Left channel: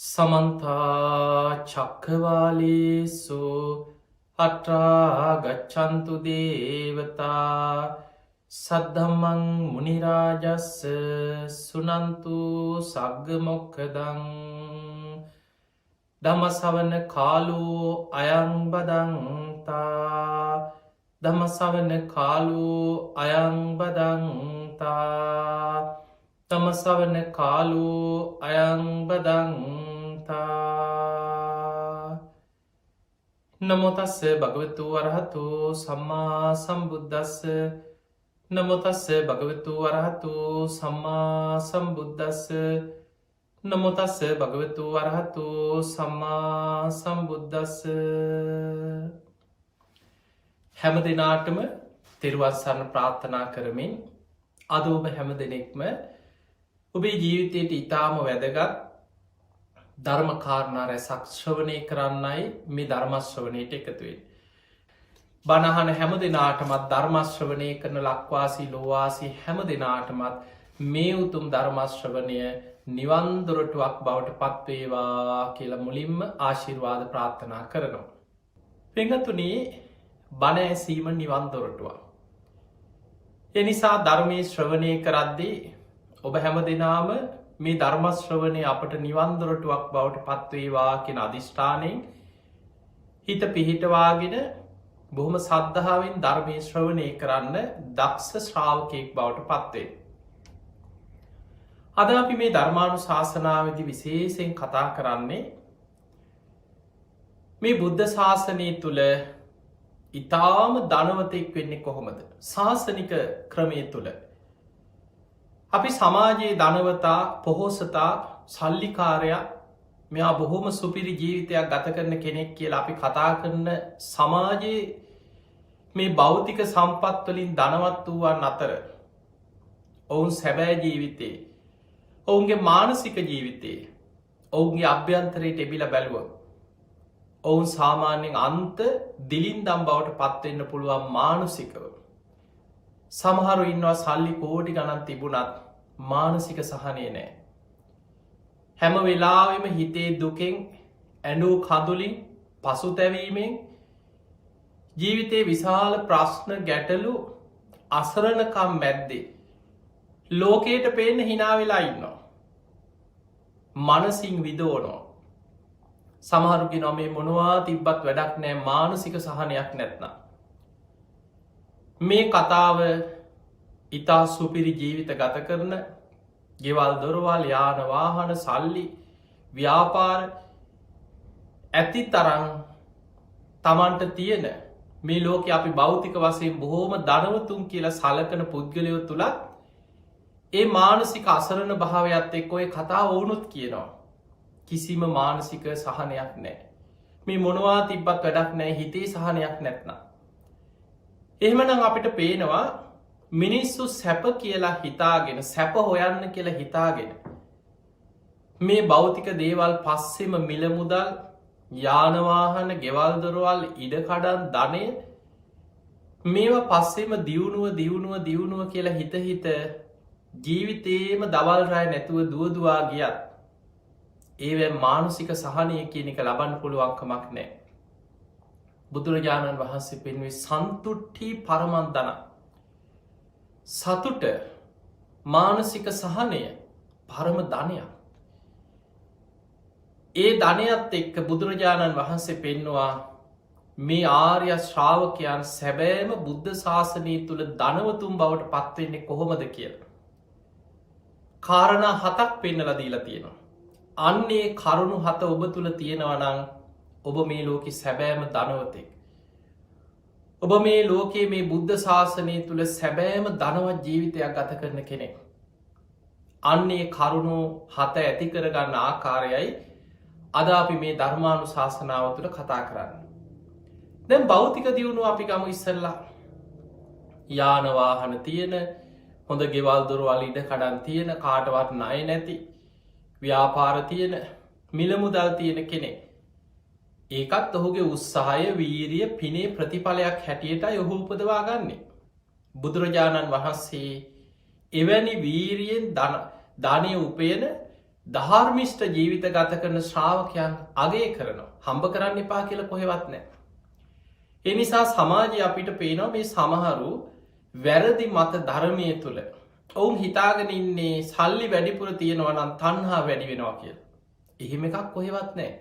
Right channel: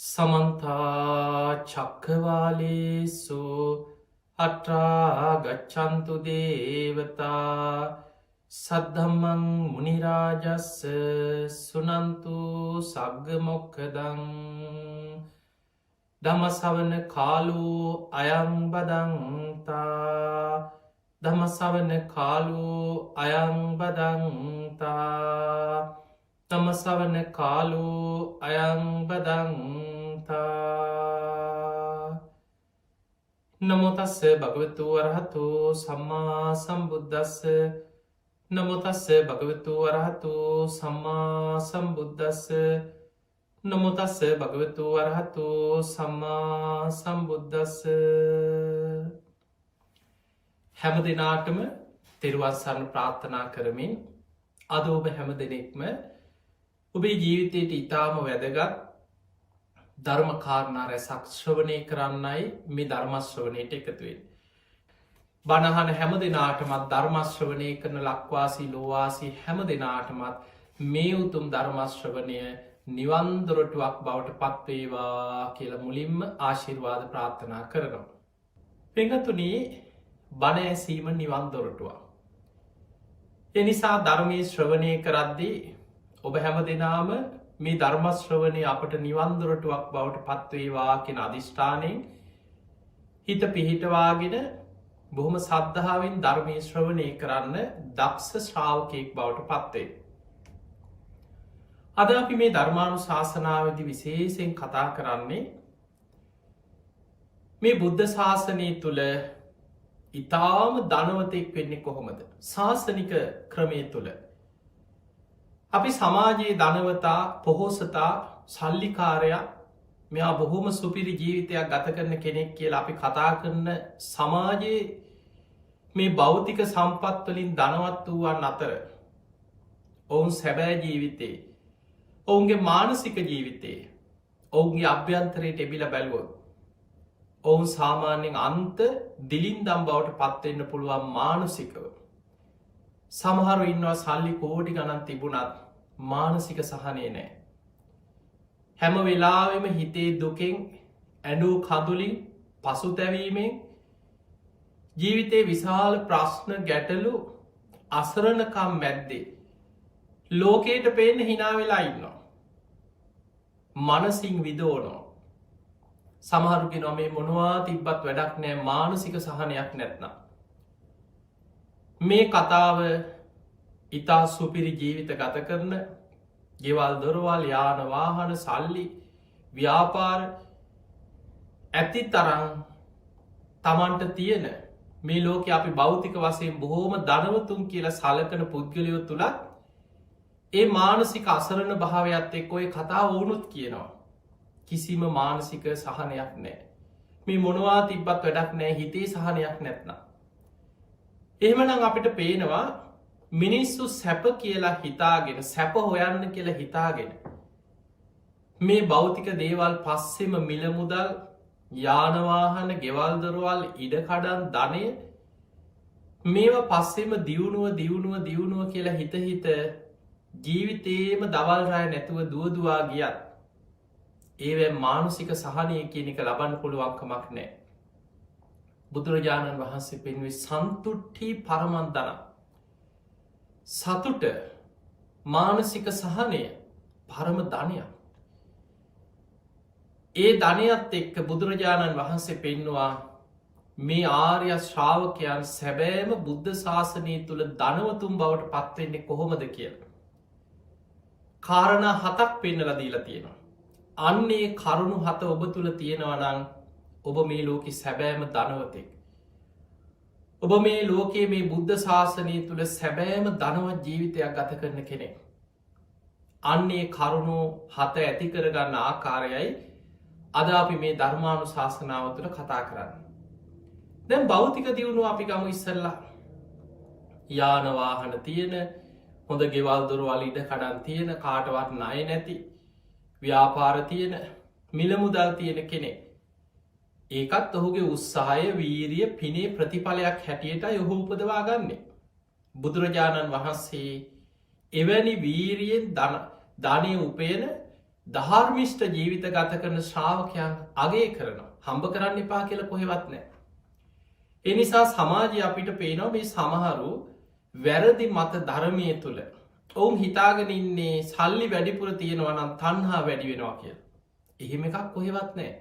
සමන්තා චක්කවාලේසු අට්‍රා ගච්ඡන්තු දේවතා සද්ධම්මං මුනිරාජස්ස සුනන්තු සග්ග මොක්ඛදං ධම්මසවන කාලෝ අයං බදන්තා ධම්මසවන කාලෝ අයං බදන්තා තමසවන කාලෝ අයං බදන්තා නමෝ තස්ස භගවතු වරහතු සම්මා සම්බුද්දස්ස නමෝ තස්ස භගවතු වරහතු සම්මා සම්බුද්දස්ස නමෝ තස්ස භගවතු වරහතු සම්මා සම්බුද්දස්ස හැම දිනාටම තෙරුවන් සරණ ප්‍රාර්ථනා කරමින් අද ඔබ හැම දෙනෙක්ම ඔබේ ජීවිතයට ඉතාම වැදගත් ධර්ම කාරණා රැසක් ශ්‍රවණය කරන්නයි මේ ධර්මශ්‍රවණයට එකතුවේ. බණහන හැම දෙනාටමත් ධර්මශ්‍රවණය කරන ලක්වාසී ලෝවාසී හැම දෙනාටමත් මේ උතුම් ධර්මශ්‍රවණය නිවන්දොරටුවක් බවට පත්වේවා කියලා මුලින්ම ආශිර්වාද ප්‍රාර්ථනා කරනවා. පෙඟතුනේ බණ ඇසීම නිවන්දොරටුවක්. එනිසා ධර්මය ශ්‍රවණය කරද්දී ඔබ හැම දෙනාම මේ ධර්මශ්‍රවණය අපට නිවන්දොරටුවක් බවට පත්වේවා කෙන අධිෂ්ඨානයෙන් හිත පිහිටවාගෙන බොහොම සද්ධාවෙන් ධර්මය ශ්‍රවණය කරන්න දක්ෂ ශ්‍රාවකයෙක් බවට පත්වේ. අද අපි මේ ධර්මානු ශාසනාවදි විශේෂයෙන් කතා කරන්නේ මේ බුද්ධ ශාසනය තුළ ඉතාම ධනවතෙක් වෙන්නේ කොහොමද ශාසනික ක්‍රමය තුළ අපි සමාජයේ ධනවතා පොහෝසතා සල්ලිකාරයා මෙයා බොහොම සුපිරි ජීවිතයක් ගත කරන කෙනෙක් කියලා අපි කතා කරන සමාජයේ මේ භෞතික සම්පත්වලින් ධනවත් වූවන් අතර ඔවුන් සැබෑ ජීවිතයේ ඔවුන්ගේ මානසික ජීවිතයේ ඔවුන්ගේ අභ්‍යන්තරයට එබිල බැලුවොත් ඔවුන් සාමාන්‍යයෙන් අන්ත දිලින්දම් බවට පත්වෙන්න පුළුවන් මානසිකව. සමහරු ඉන්නවා සල්ලි කෝටි ගණන් තිබුණත් මානසික සහනය නෑ. හැම වෙලාවෙම හිතේ දුකෙන් ඇඩූ කදුලින් පසුතැවීමෙන් ජීවිතේ විශාල ප්‍රශ්න ගැටලු අසරණකම් මැද්දේ. ලෝකයට පේන්න හිනාවෙලා ඉන්නවා. මනසින් විදෝනෝ. සමහරුගේ නොමේ මොනවා තිබ්බත් වැඩක් නෑ මානසික සහනයක් නැත්නම්. මේ කතාව ඉතා සුපිරි ජීවිත ගත කරන ගෙවල් දොරවල් යාන වාහන සල්ලි ව්‍යාපාර ඇති තරන් තමන්ට තියෙන මේ ලෝක අපි භෞතික වසයෙන් බොහෝම ධනවතුන් කියලා සලකන පුද්ගලයෝ තුළත් ඒ මානසික අසරණ භාවයක්ත් එක් ඔය කතා ඕනුත් කියනවා. කිසිම මානසික සහනයක් නෑ. මේ මොනවා තිබ්බත් වැඩක් නෑ හිතේ සහනයක් නැත්නම්. එහෙමනම් අපිට පේනවා මිනිස්සු සැප කියලා හිතාගෙන සැප හොයන්න කියලා හිතාගෙන මේ භෞතික දේවල් පස්සෙම මිලමුදල් යානවාහන ගෙවල්දොරවල් ඉඩකඩන් ධනය මේවා පස්සෙම දියුණුව කියලා හිත ජීවිතේම දවල් රෑ නැතුව දුවදවා ගියත් ඒව මානසික සහනය කියන එක ලබන්න පුළුවන්කමක් නෑ. බුදුරජාණන් වහන්සේ පෙන්වේ සන්තුට්ටි පරමන්දන සතුට මානසික සහනය පරම ධනයක්. ඒ ධනයත් එක්ක බුදුරජාණන් වහන්සේ පෙන්නවා මේ ආර්ය ශ්‍රාවකයන් සැබෑම බුද්ධ ශාසනය තුළ ධනවතුන් බවට පත්වෙන්නේ කොහොමද කියලා. කාරණා 7ක් පෙන්නලා දීලා තියෙනවා. අන්නේ කරුණු 7 ඔබ තුළ තියෙනවනං ඔබ මේ ලෝකෙ සැබෑම ධනවතෙක්. ඔබ මේ ලෝකයේ මේ බුද්ධ ශාසනය තුළ සැබෑම ධනවත් ජීවිතයක් ගත කරන කෙනෙක්. අන්නේ කරුණු 7 ඇති කරගන්න ආකාරයයි අද අපි මේ ධර්මානු ශාසනාව තුළ කතා කරන්න. දැන් භෞතික දියුණුව අපි ගමු ඉස්සල්ලා. යානවාහන තියෙන හොඳ ගෙවල් දොරවල් ඉඩ කඩන් තියෙන කාටවත් ණය නැති ව්‍යාපාර තියෙන මිලමුදල් තියෙන කෙනෙක්. ඒකත් ඔහුගේ උත්සාහය වීරිය පිනේ ප්‍රතිඵලයක් හැටියට ඔහු උපදවා ගන්නේ. බුදුරජාණන් වහන්සේ එවැනි වීරියෙන් ධනය උපයන ධාර්මිෂ්ඨ ජීවිත ගත කරන ශ්‍රාවකයන් අගය කරනවා. හම්බ කරන්න එපා කියලා කොහෙවත් නැහැ. ඒ නිසා සමාජය අපිට පේනවා මේ සමහරු වැරදි මත ධර්මය තුළ ඔවුන් හිතාගෙන ඉන්නේ සල්ලි වැඩිපුර තියෙනවා නම් තණ්හා වැඩි වෙනවා කියලා. එහෙම එකක් කොහෙවත් නැහැ.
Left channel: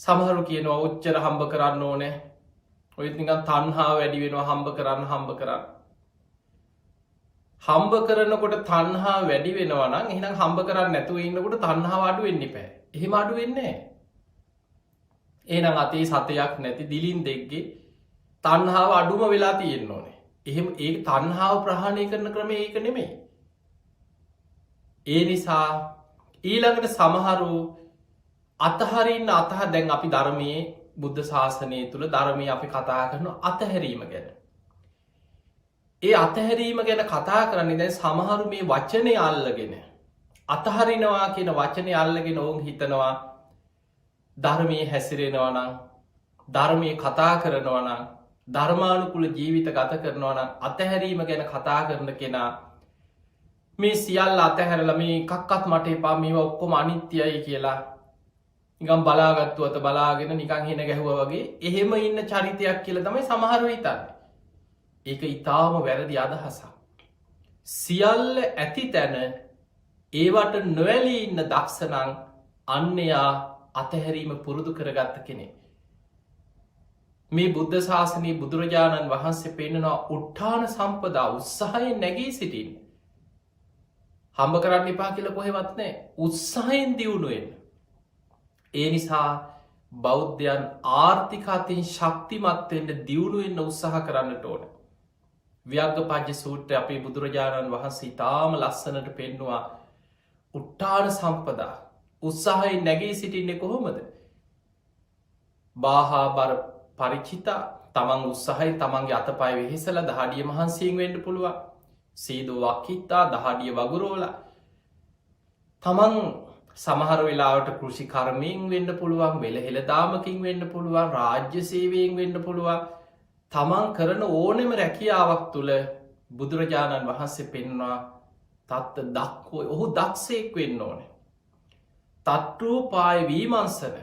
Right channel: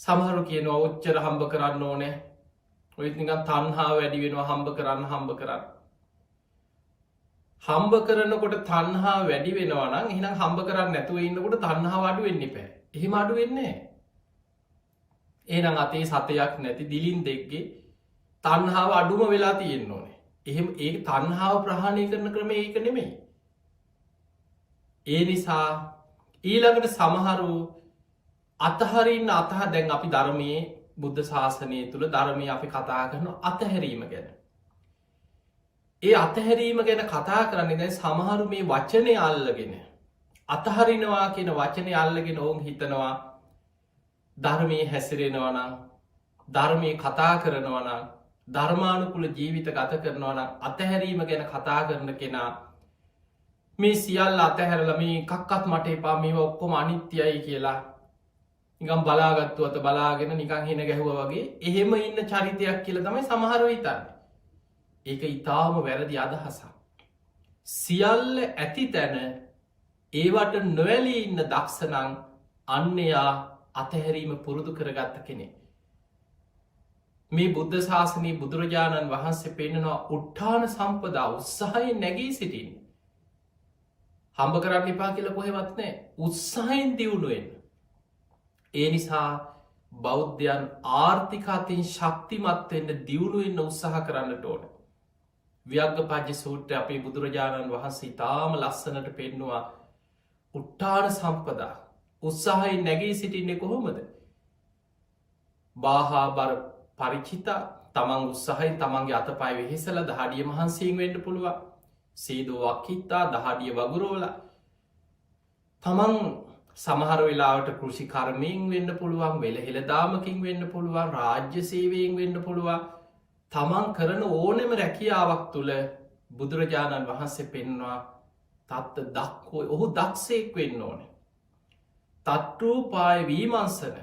සමහරු කියනවා ඔච්චර හම්බ කරන්න ඕනේ. ඔය නිකන් තණ්හා වැඩි වෙනවා හම්බ කරන්න. හම්බ කරනකොට තණ්හා වැඩි වෙනවා නම් එහෙනම් හම්බ කරන්නේ නැතුව ඉන්නකොට තණ්හාව අඩු වෙන්න එපා. එහෙම අඩු වෙන්නේ නැහැ. එහෙනම් අතේ සතයක් නැති දිලින් දෙක්ගේ තණ්හාව අඩුම වෙලා තියෙන්න ඕනේ. එහෙම ඒ තණ්හාව ප්‍රහාණය කරන ක්‍රමය ඒක නෙමෙයි. ඒ නිසා ඊළඟට සමහරු අතහරින්න දැන් අපි ධර්මයේ බුද්ධ ශාසනය තුළ ධර්මයේ අපි කතා කරන අතහැරීම ගැන. ඒ අතහැරීම ගැන කතා කරන්නේ දැන් සමහරු මේ වචනේ අල්ලගෙන අතහරිනවා කියන වචනේ අල්ලගෙන ඔවුන් හිතනවා ධර්මයේ හැසිරෙනවා නම් ධර්මයේ කතා කරනවා නම් ධර්මානුකූල ජීවිත ගත කරනවා නම් අතහැරීම ගැන කතා කරන කෙනා මේ සියල්ල අතහැරලා මේ එකක්වත් මට එපා මේවා ඔක්කොම අනිත්‍යයි කියලා නිකන් බලාගත්තු අත බලාගෙන නිකන් හින ගැහුවා වගේ එහෙම ඉන්න චරිතයක් කියලා තමයි සමහරව හිතන්නේ. ඒක ඊටාම වැරදි අදහසක්. සියල්ල ඇති තැන ඒවට නොඇලී ඉන්න දක්ෂණං අන්‍යයා අතහැරීම පුරුදු කරගත්ත කෙනෙක්. මේ බුද්ධ ශාසනයේ බුදුරජාණන් වහන්සේ පෙන්නනවා උත්ථාන සම්පදා උත්සාහයෙන් නැගී සිටින්න. හම්බ කරන්න එපා කියලා කොහෙවත් නැහැ. උත්සාහයෙන් දියුණු වෙන්න. ඒ නිසා බෞද්ධයන් ආර්ථික අතින් ශක්තිමත් වෙන්න දියුණු වෙන්න උත්සාහ කරන්නට ඕන. ව්‍යග්ගපජ්ජ සූත්‍රය අපේ බුදුරජාණන් වහන්සේ ඊටාම ලස්සනට පෙන්නවා උත්ථාන සම්පදා උත්සාහයෙන් නැගී සිටින්නේ කොහොමද? බාහා බර පරිචිතා තමන් උත්සාහයෙන් තමන්ගේ අතපය වෙහෙසලා දහඩිය මහන්සියෙන් වෙන්න පුළුවන්. සීදෝ වක්කිත්තා දහඩිය වගුරෝලා තමන් සමහර වෙලාවට කෘෂි කර්මයෙන් වෙන්න පුළුවන්, වෙලහෙල දාමකින් වෙන්න පුළුවන්, රාජ්‍ය සේවයෙන් වෙන්න පුළුවන්. තමන් කරන ඕනෙම රැකියාවක් තුළ බුදුරජාණන් වහන්සේ පෙන්වා තත්ත දක්වෝ ඔහු දක්ෂයෙක් වෙන්න ඕන. තත්රූපාය වීමංසන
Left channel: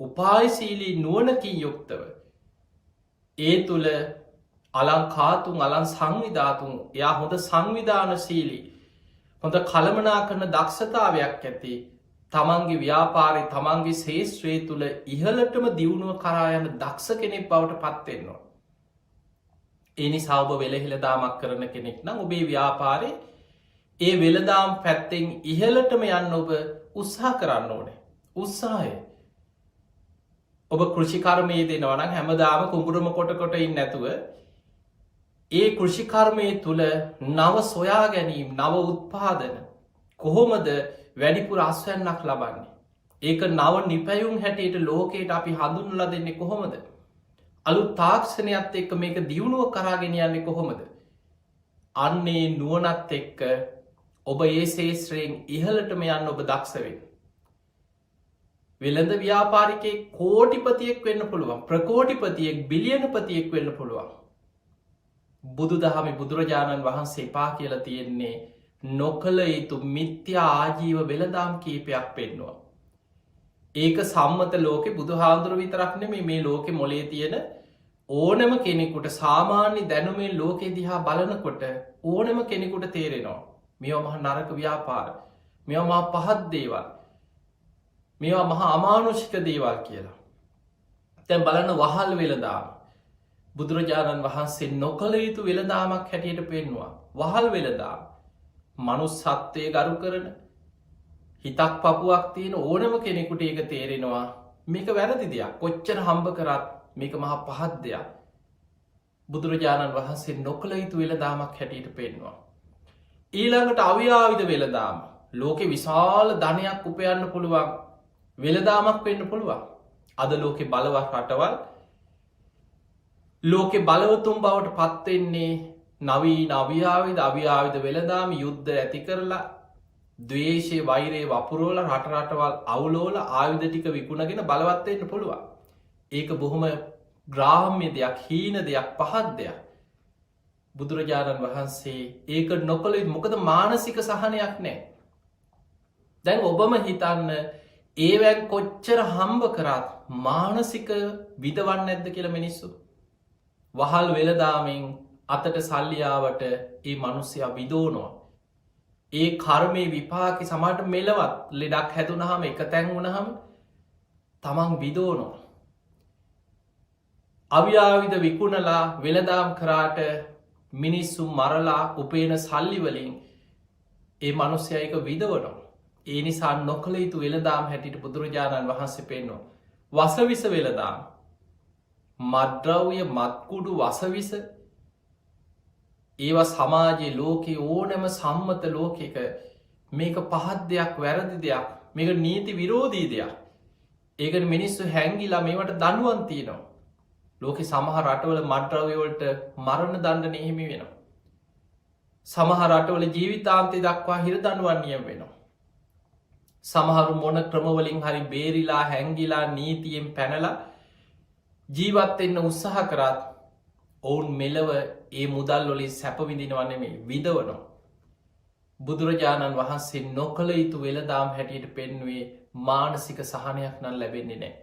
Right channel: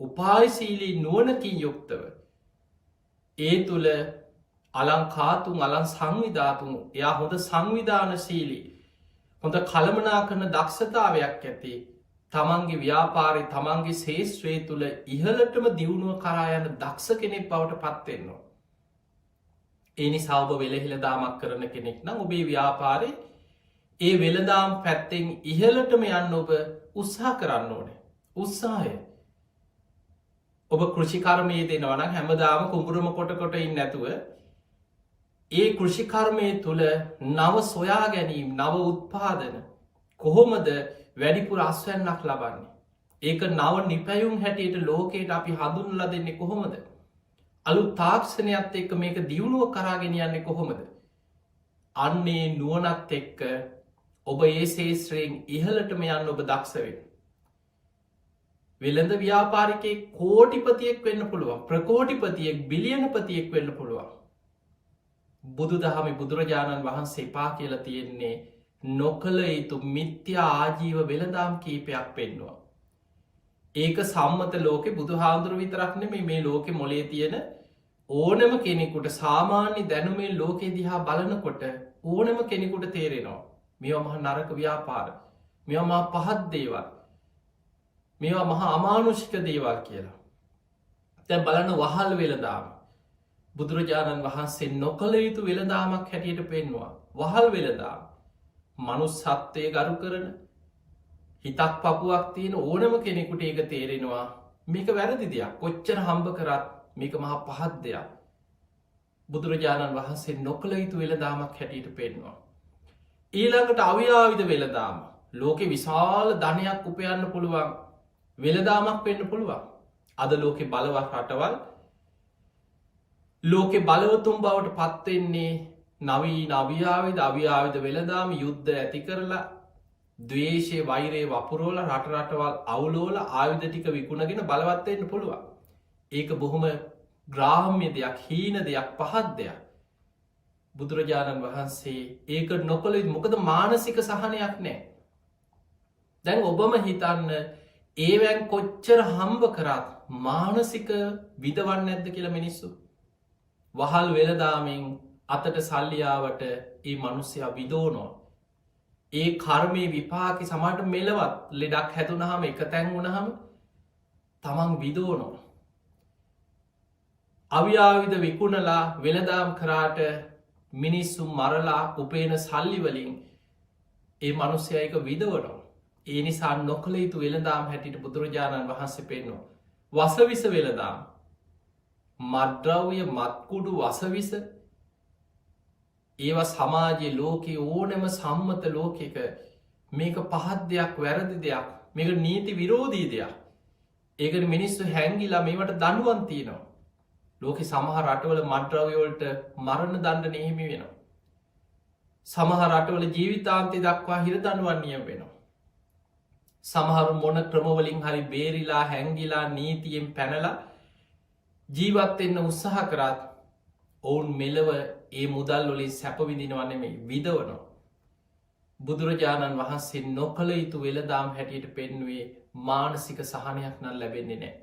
උපායශීලී නුවණකින් යුක්තව ඒ තුළ අලංකාතුන් අලං සංවිධාතුන් එයා හොඳ සංවිධානශීලී හොඳ කළමනා කරන දක්ෂතාවයක් ඇති තමන්ගේ ව්‍යාපාරය තමන්ගේ ශේෂ්ත්‍රය තුළ ඉහලටම දියුණුව කරා යන දක්ෂ කෙනෙක් බවට පත්වෙන්නවා. එනිසා ඔබ වෙලහිලදාමක් කරන කෙනෙක් නම් ඔබේ ව්‍යාපාරය ඒ වෙළදාම් පැත්තෙන් ඉහලටම යන්න ඔබ උත්සාහ කරන්න ඕනේ. උත්සාහය ඔබ කෘෂිකර්මයේ දෙනවා නම් හැමදාම කුඹුරම කොට ඉන්නේ නැතුව ඒ කෘෂිකර්මයේ තුල නව සොයා ගැනීම නව උත්පාදන කොහොමද වැඩිපුර අස්වැන්නක් ලබන්නේ? ඒක නව නිපැයුම් හැටියට ලෝකයට අපි හඳුන්වලා දෙන්නේ කොහොමද? අලුත් තාක්ෂණයත් එක්ක මේක දියුණුව කරාගෙන යන්නේ කොහොමද? අන්නේ නුවණත් එක්ක ඔබ ඒ ශේෂ්ත්‍රයෙන් ඉහළටම යන්න ඔබ දක්ෂ වෙන්න. වෙළඳ ව්‍යාපාරිකයෙක් කෝටිපතියෙක් වෙන්න පුළුවන්. ප්‍රකෝටිපතියෙක් බිලියනපතියෙක් වෙන්න පුළුවන්. බුදුදහමේ බුදුරජාණන් වහන්සේ පා කියලා තියෙන්නේ නොකල යුතු මිත්‍යා ආජීව වෙළඳාම් කීපයක් පෙන්නවා. ඒක සම්මත ලෝකෙ බුදුහාමුදුරුවෝ විතරක් නෙමෙයි මේ ලෝකෙ මොලේ තියෙන ඕනම කෙනෙකුට සාමාන්‍ය දැනුමේ ලෝකෙ දිහා බලනකොට ඕනම කෙනෙකුට තේරෙනවා මේවා මහා නරක ව්‍යාපාර, මේවා මහා පහත් දේවල්, මේවා මහා අමානුෂික දේවල් කියලා. දැන් බලන්න වහල් වෙළඳාම බුදුරජාණන් වහන්සේ නොකල යුතු වෙළඳාමක් හැටියට පෙන්නවා. වහල් වෙළඳාම මනුස්සත්වයේ ගරු කරන හිතක් පපුවක් තියෙන ඕනම කෙනෙකුට ඒක තේරෙනවා මේක වැරදි දෙයක්. කොච්චර හම්බ කරත් මේක මහා පහත් දෙයක්. බුදුරජාණන් වහන්සේ නොකල යුතු වෙළඳාමක් හැටියට පෙන්නවා. ඊළඟට අව්‍යාවිද වෙළඳාම ලෝකෙ විශාල ධනයක් උපයන්න පුළුවන් වෙළඳාමක් වෙන්න පුළුවන්. අද ලෝකෙ බලවත් රටවල් ලෝකෙ බලවතුන් බවට පත්වෙන්නේ නවීන අව්‍යාවිද වෙළඳාම යුද්ධ ඇති කරලා ද්වේෂය වෛරය වපුරෝල රටරටවල් අවුලෝල ආයුධ ටික විකුණගෙන බලවත්වන්න පුළුවන්. ඒක බොහොම ග්‍රාම්‍ය දෙයක්, හීන දෙයක්, පහත් දෙයක්. බුදුරජාණන් වහන්සේ ඒක නොකළ මොකද මානසික සහනයක් නෑ. දැන් ඔබම හිතන්න ඒවැන් කොච්චර හම්බ කරත් මානසික විදවන්න ඇද්ද කියලා මිනිස්සු. වහල් වෙලදාමෙන් අතට සල්ලියාවට ඒ මනුස්්‍යයා විදෝනෝ. ඒ කර්මය විපාකි සමට මෙලවත් ලෙඩක් හැදුනහම එක තැන් වුණහම තමන් විදෝනෝ. අව්‍යාවිධ විකුණලා වෙලදාම් කරාට මිනිස්සු මරලා උපේන සල්ලිවලින් ඒ මනුස්්‍යයක විදවනෝ. ඒ නිසා නොකළ යුතු වෙලදාම් හැටිට බුදුරජාණන් වහන්සේ පෙන්නවා. වසවිස වෙලදාම් මද්‍රව්‍ය මත්කුඩු වසවිස ඒවා සමාජයේ ලෝකයේ ඕනෑම සම්මත ලෝකෙක මේක පහත් දෙයක් වැරදි දෙයක් මේක නීති විරෝධී දෙයක්. ඒකට මිනිස්සු හැංගිලා මේවට දනුවන් තියනවා. ලෝක සමහ රටවල මද්‍රව්‍යවලට මරණ දණ්ඩන එහෙමි වෙනවා. සමහ රටවල ජීවිතාන්තය දක්වා හිර දනුවන් නියම වෙනවා. සමහරු මොන ක්‍රමවලින් හරි බේරිලා හැංගිලා නීතියෙන් පැනලා ජීවත්වෙන්න උත්සාහ කරත් ඔවුන් මෙලව ඒ මුදල් වලින් සැපවිදිනවන්නේ මේ විදවනවා. බුදුරජාණන් වහන්සේ නොකළ යුතු වෙලදාම් හැටියට පෙන්නුවේ මානසික සහනයක් නම් ලැබෙන්නේ නෑ.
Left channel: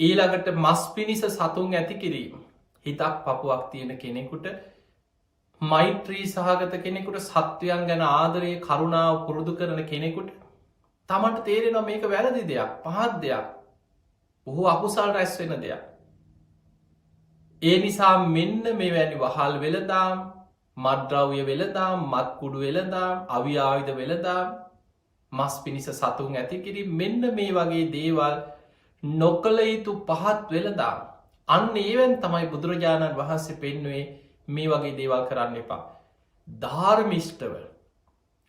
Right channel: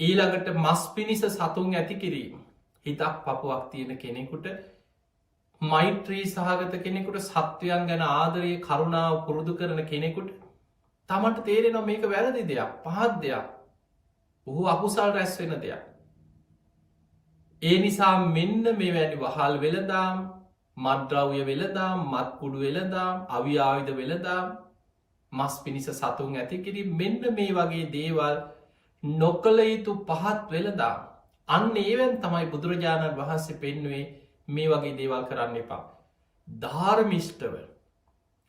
ඊළඟට මස් පිණිස සතුන් ඇති කිරීම හිතක් පපුවක් තියෙන කෙනෙකුට මෛත්‍රී සහගත කෙනෙකුට සත්වයන් ගැන ආදරයේ කරුණාව පුරුදු කරන කෙනෙකුට තමට තේරෙන මේක වැරදි දෙයක් පහත් දෙයක් ඔහු අකුසල් රැස් වෙන දෙයක්. ඒ නිසා මෙන්න මේ වැනි වහල් වෙලදාම් මද්‍රව්‍ය වෙලදාම් මත්කුඩු වෙලදාම් අව්‍යාවිධ වෙලදාම් මස් පිණිස සතුන් ඇතිකිරි මෙන්න මේ වගේ දේවල් නොකළ යුතු පහත් වෙලදාම් අන්න ඒවැන් තමයි බුදුරජාණන් වහන්සේ පෙන්නුවේ මේ වගේ දේවල් කරන්න එපා. ධාර්මිෂ්ටව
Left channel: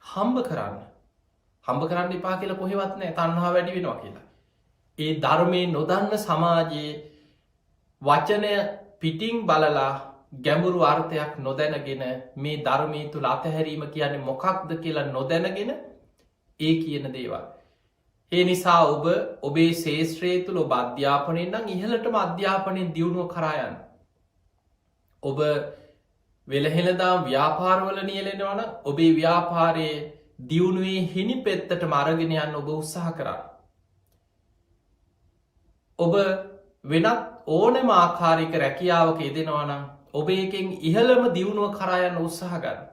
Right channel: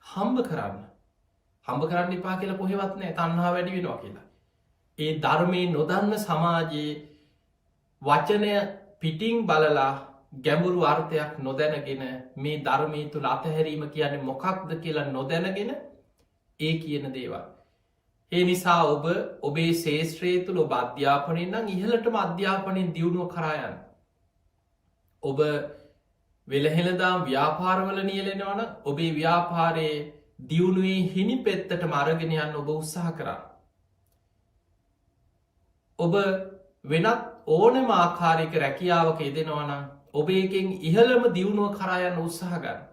හම්බ කරන්න එපා කියලා කොහෙවත් නෑ තණ්හා වැඩි වෙනවා කියලා. ඒ ධර්මය නොදන්න සමාජයේ වචනය පිටිං බලලා ගැඹුරු අර්ථයක් නොදැනගෙන මේ ධර්මී තුළ අතහැරීම කියන්නේ මොකක්ද කියලා නොදැනගෙන ඒ කියන දේවල්. ඒ නිසා ඔබ ඔබේ ශේෂත්‍රයේ තුළ ඔබ අධ්‍යාපනයෙන් නම් ඉහලටම අධ්‍යාපනයෙන් දියුණුව කරායන්. ඔබ වෙළහෙළදාම් ව්‍යාපාරවල නියලෙනවන ඔබේ ව්‍යාපාරයේ දියුණුවේ හිනි පෙත්තට මරගෙන යන්න ඔබ උත්සාහ කරන්න. ඔබ වෙනත් ඕනම ආකාරික රැකියාවක යෙදෙනවනම් ඔබ එකෙන් ඉහළම දියුණුව කරායන්න උත්සාහගන්න.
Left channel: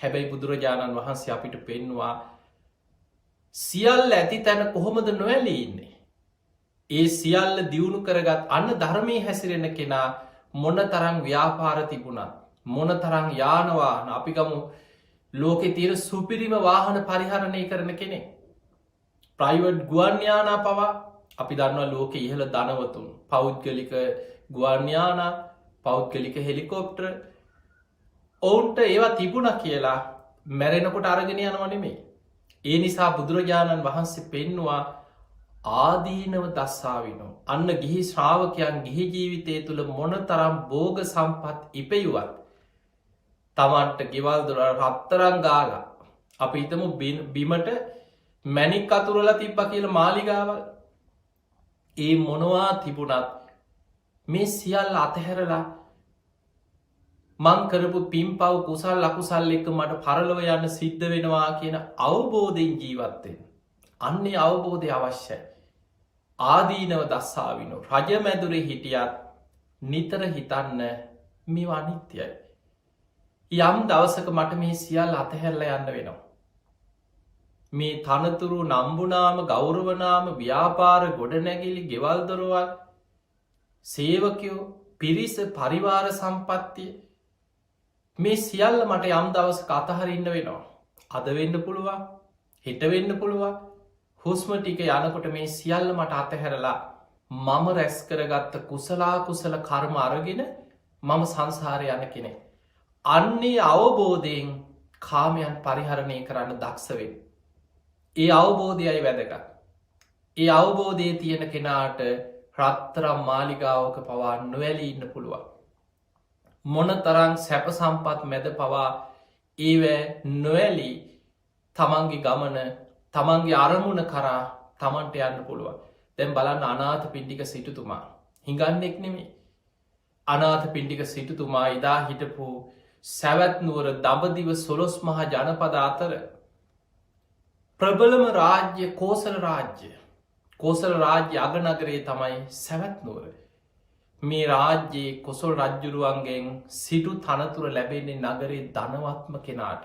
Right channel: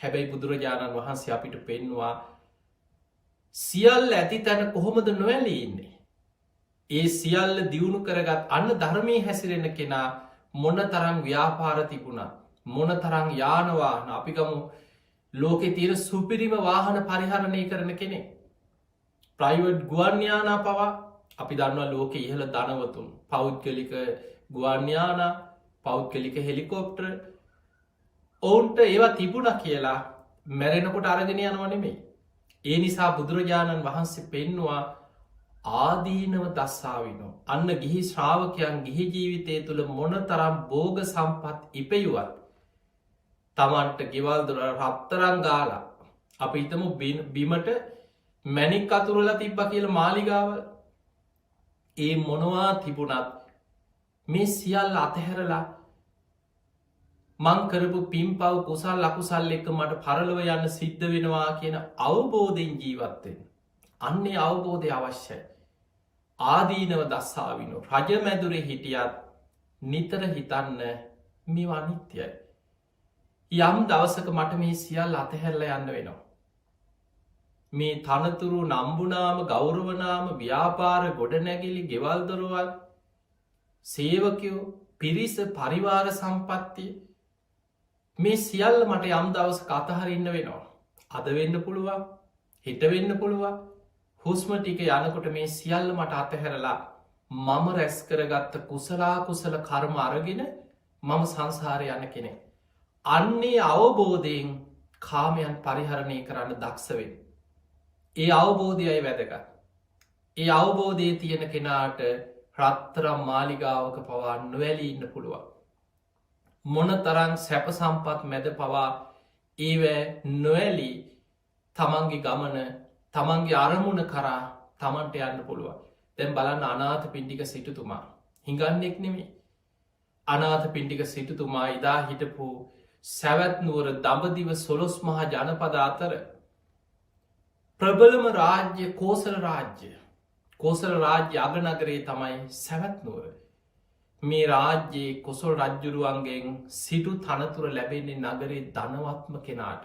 හැබැයි බුදුරජාණන් වහන්සේ අපිට පෙන්වා සියල්ල ඇති තැන කොහොමද නොවැලී ඉන්නේ. ඒ සියල්ල දියුණු කරගත් අන්න ධර්මී හැසිරෙන කෙනා මොන තරං ව්‍යාපාර තිබුණා මොන තරං යානවාහන අපිකමු ලෝකෙ තීර සුපිරිම වාහන පරිහරණය කරන කෙනෙ. ප්‍රයිවට් ගුවන්්‍යානා පවා අපි දන්නවා ලෝක ඉහළ දනවතුන් පෞද්ගලික ගුවන්්‍යාන පෞද්ගලික හෙලිකෝප්ටර් ඔවුන්ට ඒවා තිබුණ කියලා මැරෙනකොට අරගෙන යනවනෙමේ. ඒ නිසා බුදුරජාණන් වහන්සේ පෙන්නවා ආදීනව දස්සාවිනෝ අන්න ගිහි ශ්‍රාවකයන් ගිහි ජීවිතය තුළ මොන තරම් බෝග සම්පත් ඉපයුවත් තමන්ට ගෙවල් දුර රත්තරං ගාලා අප හිතමු බිමට මැනික් අතුරල තිබ්බ කියල මාලිගාවල් ඒ මොනවා තිබුණත් මේ සියල්ල අතහැරලා මංකරපු පින් පව් කුසල් ලකුසල් එක මට පරලොව යන්න සිද්ධ වෙනවා කියන අවබෝධයෙන් ජීවත්තෙන්. අන්නේ අවබෝධය අවශ්‍යයි. ආදීනව දස්සාවිනු රජ මැදුරේ හිටියත් නිතර හිතන්න මේ අනිත්‍යයි. යම් දවසක මට මේ සියල් අතහැරල යන්න වෙනවා. මේ තනතුරු නම්බුනාම ගෞරවනාම ව්‍යාපාර ගොඩනැගිලි ගෙවල් දොරවල් සේවකයෝ පිරිස පරිවාර සම්පත්තිය මේ සියල්ල මට යම් දවස අතහරඉන්න වෙනවා. අද වෙන්න පුළුවන් හිට වෙන්න පුළුවන් හුස්ම ටික යනකොට මේ සියල්ල මට අතහැරලා මම රැස් කරගත්ත කුසලා කුසල කර්ම අරගෙන මම සංසාරය යන කෙනෙ. අන්නේ අවබෝධයෙන් කාමයන් පරිහරණය කරන්න දක්ෂවෙන්. ඒ අවබෝධයයි වැදක. ඒ අවබෝධය තියෙන කෙනාට රත්තරම් මාලිගාවක පවා නොවැලී ඉන්න පුළුවන්. මොන තරං සැප සම්පත් මැද පවා ඒවැ නොවැලී තමන්ගේ ගමන තමන්ගේ අරමුණ කරා තමන්ට යන්න පුළුවන්. දැන් බලන්න අනාථ පිණ්ඩික සිටුතුමා හිඟන්නෙක් නෙමේ. අනාථ පිණ්ඩික සිටුතුමා ඉදා හිටපු සැවැත්නුවර දඹදිව සොළොස් මහා ජනපද අතර ප්‍රබලම රාජ්‍ය කෝසල රාජ්‍ය. කෝසල රාජ්‍ය අගනගරේ තමයි සැවැත්නුවර. මේ රාජ්‍යයේ කොසොල් රජ්ජුරුවන්ගෙන් සිටු තනතුර ලැබෙන්නේ නගරේ ධනවත්ම කෙනාට.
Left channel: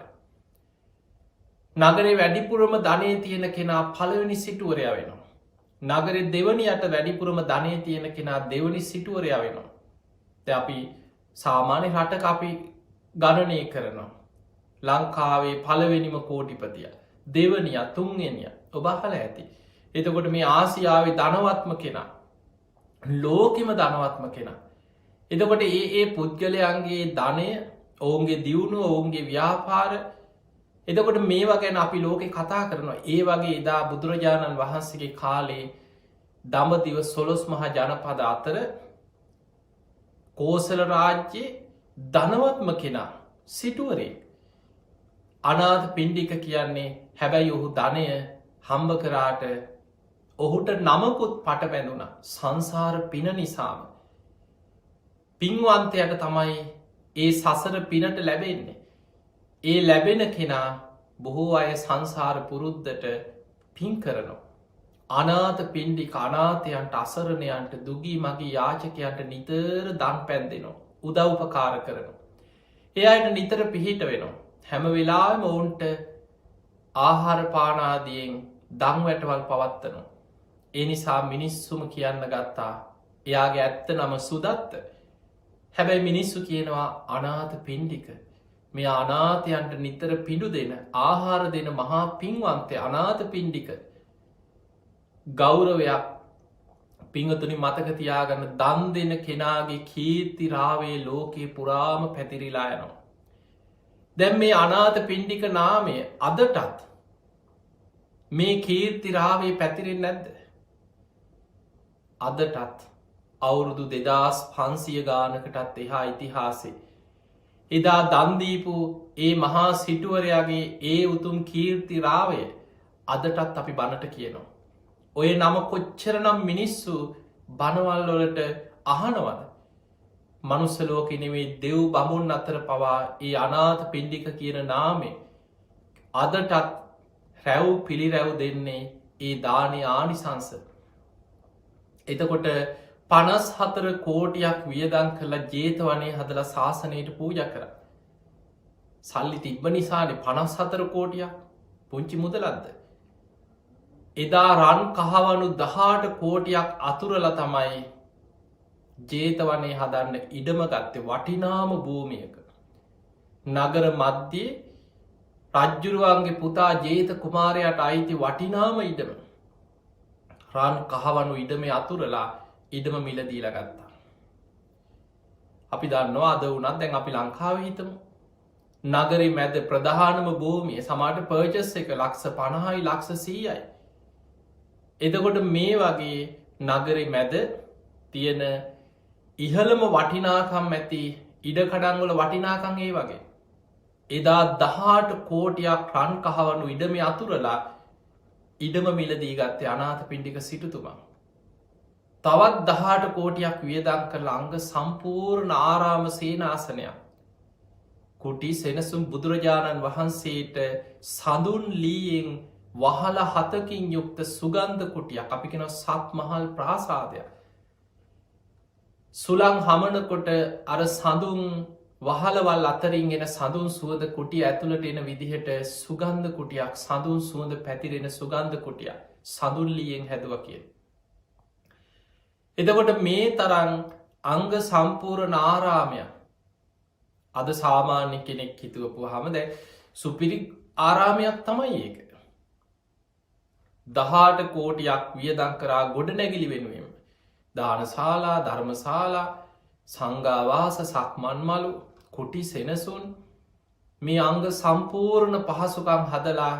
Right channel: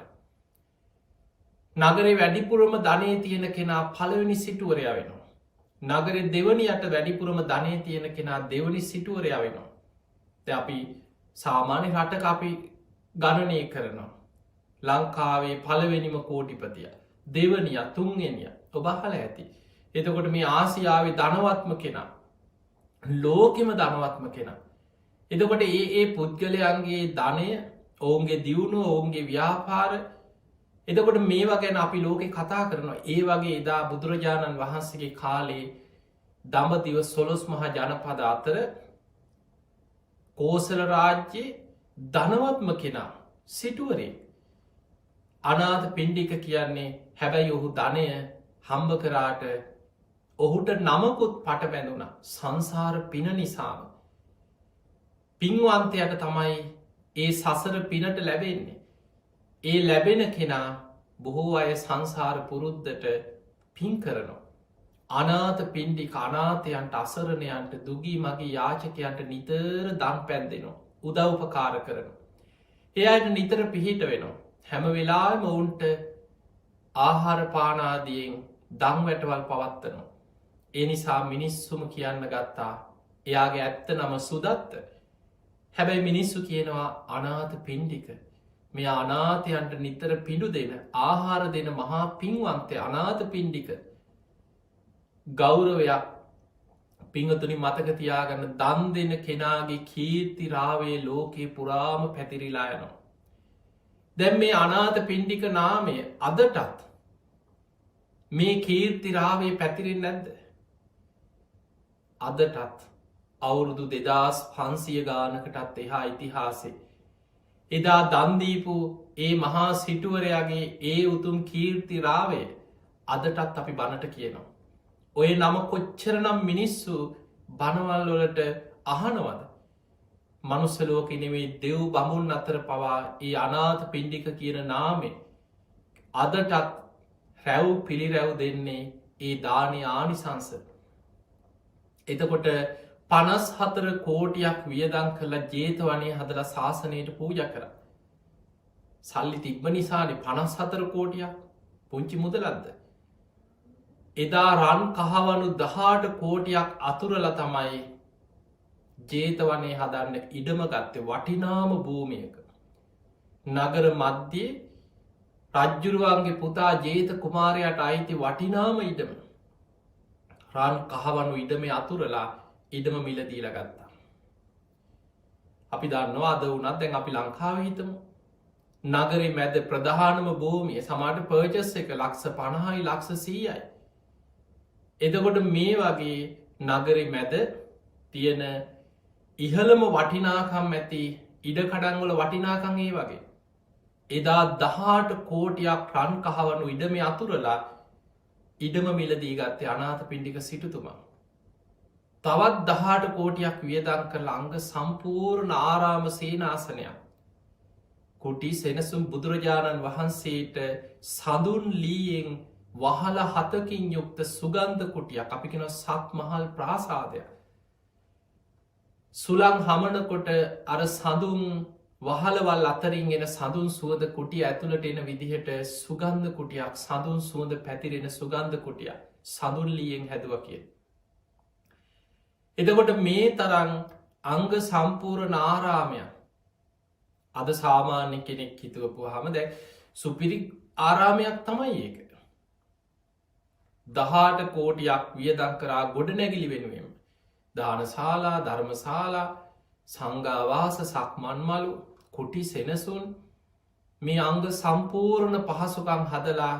නගරේ වැඩිපුරම ධනය තියෙන කෙනා පළවෙනි සිටුවරය වෙනවා. නගරේ දෙවනියට වැඩිපුරම ධනය තියෙන කෙනා දෙවනි සිටුවරය වෙනවා. අපි සාමාන්‍ය රටක අපි ගණනය කරනවා. ලංකාවේ පළවෙනිම කෝටිපතිය දෙවනිය තුන්ගෙනිය ඔබහල ඇති. එතකොට මේ ආසියාවේ ධනවත්ම කෙනා ලෝකෙම ධනවත්ම කෙනා. එතකොට ඒ පුද්ගලයන්ගේ ධනය ඔවුන්ගේ දියුණුව ඔවුන්ගේ ව්‍යාපාර එතකොට මේවා ගැන අපි ලෝකෙ කතා කරනවා. ඒ වගේ එදා බුදුරජාණන් වහන්සේගේ කාලේ දඹදිව සොළොස් මහා ජනපද අතර කෝසල රාජ්‍යයේ ධනවත්ම කෙනා සිටුවරේ අනාථ පිණ්ඩික කියන්නේ. හැබැයි ඔහු ධනය හම්බ කරාට ඔහුට නමකුත් පට බැඳුන සංසාර පින නිසාම. පින්වන්තයට තමයි ඒ සසර පිනට ලැබෙන්නේ. ඒ ලැබෙන කෙනා බොහෝ අය සංසාර පුරුද්ධට පින් කරනවා. අනාථ පිණ්ඩික අනාථයන්ට අසරණයන්ට දුගී මගේ යාචකයන්ට නිතර දන් පැන්දෙනවා. උදව්පකාර කරනවා. ඒ අයට නිතර පිහිට වෙනවා. හැම වෙලාම ඔවුන්ට ආහාර පානාදියෙන් දං වැටවල් පවත්වනවා. ඒ නිසා මිනිස්සුම කියන්න ගත්තා එයාගේ ඇත්ත නම සුදත්ත. හැබැයි මිනිස්සු කියනවා අනාථ පිණ්ඩික. මේ අනාථයන්ට නිතර පිඩු දෙන ආහාර දෙන මහා පින්වන්තය අනාථ පිණ්ඩික. ගෞරවයක් පිංහතුනි මතකතියාගන්න දන් දෙන කෙනාගේ කීර්තිරාවේ ලෝකයේ පුරාම පැතිරිලා යනවා. දැම් මේ අනාථ පිණ්ඩික නාමය අදටත් මේ කීර්තිරාවේ පැතිරින් නැද්ද. අදටත් අවුරුදු 2500 ගානකටත් එහා ඉතිහාසේ. එදා දන්දීපු ඒ මහා සිටුවරයාගේ ඒ උතුම් කීර්තිරාවය අදටත් අපි බණට කියනවා. ඔය නම කොච්චරනම් මිනිස්සු බණවල්ලොලට අහනවද. මනුස්සලෝකෙනෙවේ දෙව් බමුන් අතර පවා ඒ අනාථ පිණ්ඩික කියන නාමේ අදටත් රැව් පිළිරැව් දෙන්නේ ඒ දානය ආනිසංස. එතකොට 54 කෝටියක් වියදං කරලා ජේතවනේ හදලා ශාසනයට පූජ කර. සල්ලි තිබ්බ නිසානේ 54 කෝටියක් පුංචි මුදලක්ද. එදා රන් කහවනු 18 කෝටියක් අතුරල තමයි ජේතවනේ හදන්න ඉඩම ගත්තේ වටිනාම භූමියක. නගර මධ්‍යයේ රජ්ජුරුවන්ගේ පුතා ජේත කුමාරයට අයිති වටිනාම ඉඩම. රන් කහවනු ඉඩම අතුරලා ඉඩම මිලදීල ගත්තා. අපි දන්නවා අද වනත් දැන් අපි ලංකාව හිතමු. නගරේ මැද ප්‍රධානම භූමිය සමාට පර්ජස් එක ලක්ෂ 50යි ලක්ෂ 100යි. එතකොට මේ වගේ නගරේ මැද තියෙන ඉහළම වටිනාකම් ඇති ඉඩකඩන්වල වටිනාකං ඒ වගේ. එදා 18 කෝටියක් රන් කහවනු ඉඩම අතුරලා ඉඩම මිලදී ගත්තේ අනාථ පිණ්ඩික සිටුතුමා. තවත් 18 කෝටියක් වියදං කළ අංග සම්පූර්ණ ආරාම සේනාසනයක්. කුටි සෙනසුම් බුදුරජාණන් වහන්සේට සඳුන් ලීයෙන් වහල 7කින් යුක්ත සුගන්ධ කුටියක් අපි කෙන සත් මහල් ප්‍රාසාදයක්. සුළං හමනකොට අර සඳුන් වහලවල් අතරින් එන සඳුන් සුවද කුටිය ඇතුළට එන විදිහට සුගන්ධ කුටියක් සඳුන් සුවඳ පැතිරෙන සුගන්ධ කුටියක් සඳුන්ලියෙන් හැදුව කිය. එතකොට මේ තරන් අංග සම්පූර්ණ ආරාමයක් අද සාමාන්‍ය කෙනෙක් හිතුවපු හම දැ සුපිරි ආරාමයක් තමයි ඒක. 18 කෝටියක් වියදං කරා ගොඩ නැගිලි වෙනුවෙන්. දානශාලා ධර්මශාලා සංඝවාස සක්මන්මලු කුටි සෙනසුන් මේ අංග සම්පූර්ණ පහසුකම් හදලා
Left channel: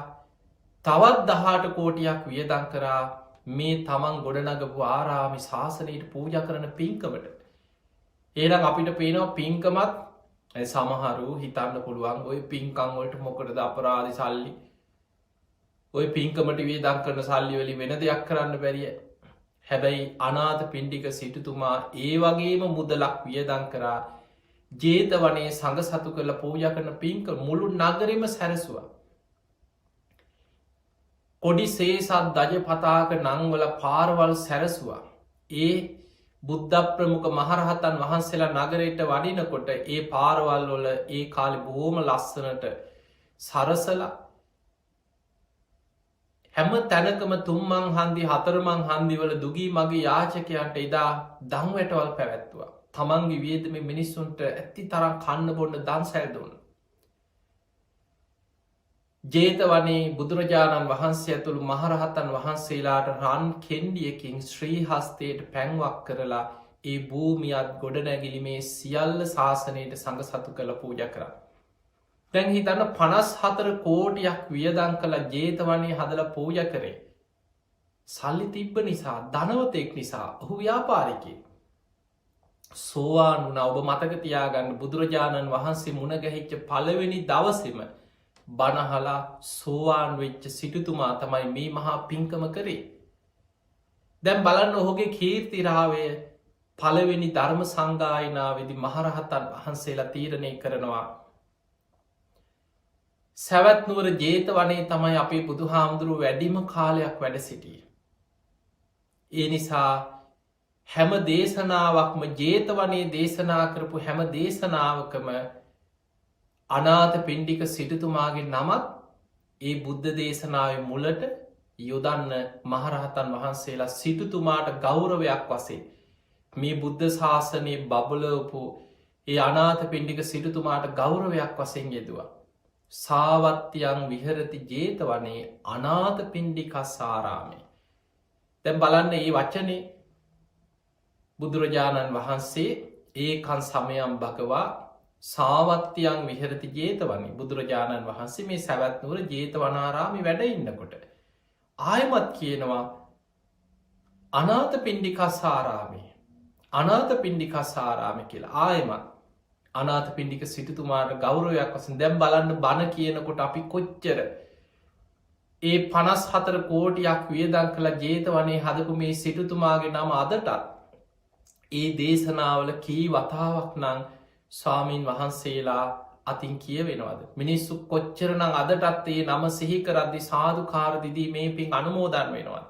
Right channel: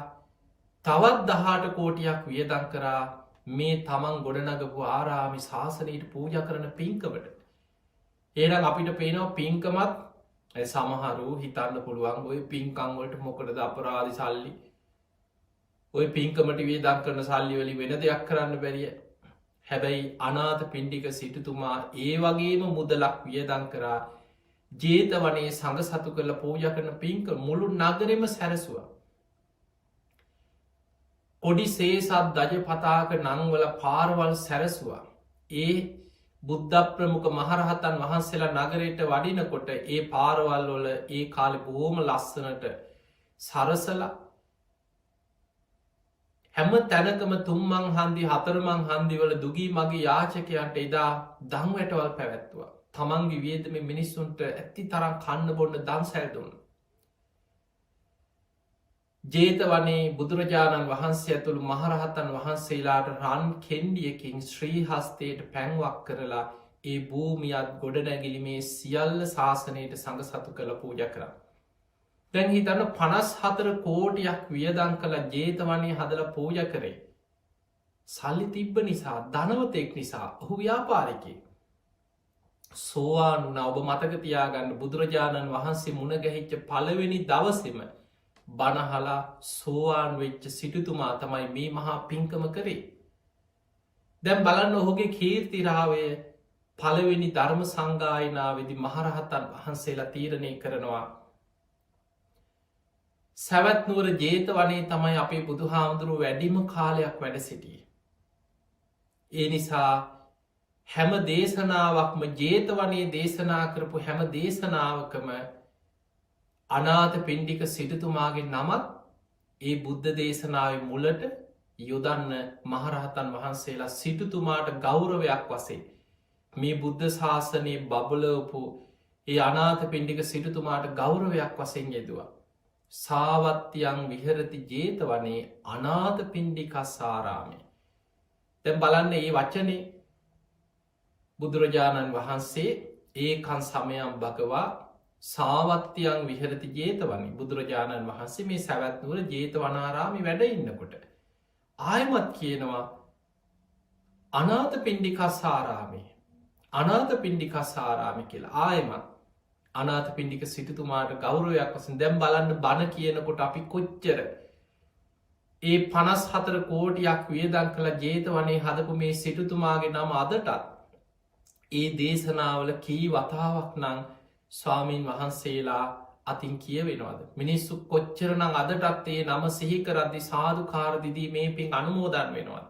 තවත් 18 කෝටියක් වියදං කරා මේ තමන් ගොඩනගපු ආරාමි ශාසනයට පූජ කරන පින්කමට. ඒනම් අපිට පේනවා පින්කමත් සමහරු හිතන්න පුළුවන් ඔය පින්කංවලට මොකටද අපරාධි සල්ලි ඔය පින්කමට වියදං කරන සල්ලි වලින් වෙන දෙයක් කරන්න බැරිය. හැබැයි අනාථ පිණ්ඩික සිටුතුමා ඒ වගේම මුදලක් වියදං කරා ජේතවනේ සඟ සතු කරලා පූජ කරන පින්ක මුළු නගරෙම සැරසුවා. කොඩි සේසත් දජ පතාක නංවල පාරවල් සැරසවා. ඒ බුද්ධ ප්‍රමුඛ මහරහතන් වහන්සේලා නගරයට වඩිනකොට ඒ පාරවල් වල ඒ කාලෙ බොහෝම ලස්සනට සරසලා හැම තැනකම තුම්මං හන්දි හතරමං හන්දිවල දුගී මගේ යාචකයන්ට එදා දංවැටවල් පැවැත්තුවා. තමන්ගේ වියදම මිනිස්සුන්ට ඇති තරම් කන්න බොන්න දන් සැල්දුන්න. ජේතවනේ බුදුරජාණන් වහන්සේ ඇතුළු මහරහතන් වහන්සේලාට රන් කෙන්ඩියකින් ශ්‍රී හස්තයට පැන්වක් කරලා ඒ භූමියත් ගොඩනැගිලිමේ සියල්ල ශාසනයට සඟ සතු කළ පූජ කර. දැන් හිතන්න 54 කෝටියක් වියදන් කළ ජේතවනේ හදල පූජ කරේ. සල්ලි තිබ්බ නිසා ධනවතෙක් නිසා ඔහු ව්‍යාපාරිකය. සෝවාන් වුණ ඔබ මතක තියාගන්න බුදුරජාණන් වහන්සේ මුණගැහිච්ච පළවෙනි දවසෙම බණහලා සෝවාන් වෙච්ච සිටුතුමා තමයි මේ මහා පින්කම කරේ. දැන් බලන්න ඔහුගේ කීර්තිරාවය පළවෙනි ධර්ම සංගායනාවේදී මහරහතන් වහන්සේලා තීරණය කරනවා. සැවැත්නුවර ජේතවනේ තමයි අපේ බුදුහාමුදුරුව වැඩිම කාලයක් වැඩ සිටිය. ඒ නිසා හැම දේශනාවක්ම ජේතවනේ දේශනා කරපු හැම දේශනාවකම අනාථ පිණ්ඩික සිටුතුමාගේ නමත් ඒ බුද්ධ දේශනාව මුලට යොදන්න මහරහතන් වහන්සේලා සිටුතුමාට ගෞරවයක් වසේ මේ බුද්ධ ශාසනයේ බබලවපු ඒ අනාථ පිණ්ඩික සිටුතුමාට ගෞරවයක් වසෙන් යෙදවා. සාවත්‍යයන් විහරති ජේතවනේ අනාථ පිණ්ඩිකස්සාරාමය. දැන් බලන්න ඒ වචනේ බුදුරජාණන් වහන්සේ ඒකන් සමයම් භගවා සාවත්‍යයන් විහරති ජේතවනි බුදුරජාණන් වහන්සේ මේ සැවැත්නුවර ජේතවනාරාමි වැඩ ඉන්නකොට. ආයමත් කියනවා අනාථ පිණ්ඩිකස්සාරාමේ අනාථ පිණ්ඩිකස්සාරාමි කියලා ආයමත් අනාථ පිණ්ඩික සිටුතුමාට ගෞරවයක් වසින් දැම් බලන්න බණ කියනකොට අපි කොච්චර ඒ 54 කෝටියක් වියදන් කළ ජේතවනේ හදපු මේ සිටුතුමාගේ නම අදටත් ඒ දේශනාවල කී වතාවක් නං ස්වාමීන් වහන්සේලා අතින් කියවෙනවාද. මිනිස්සු කොච්චරනං අදටත් ඒ නම සිහිකරද්දි සාධකාරදිදී මේ පින් අනුමෝදන් වෙනවා.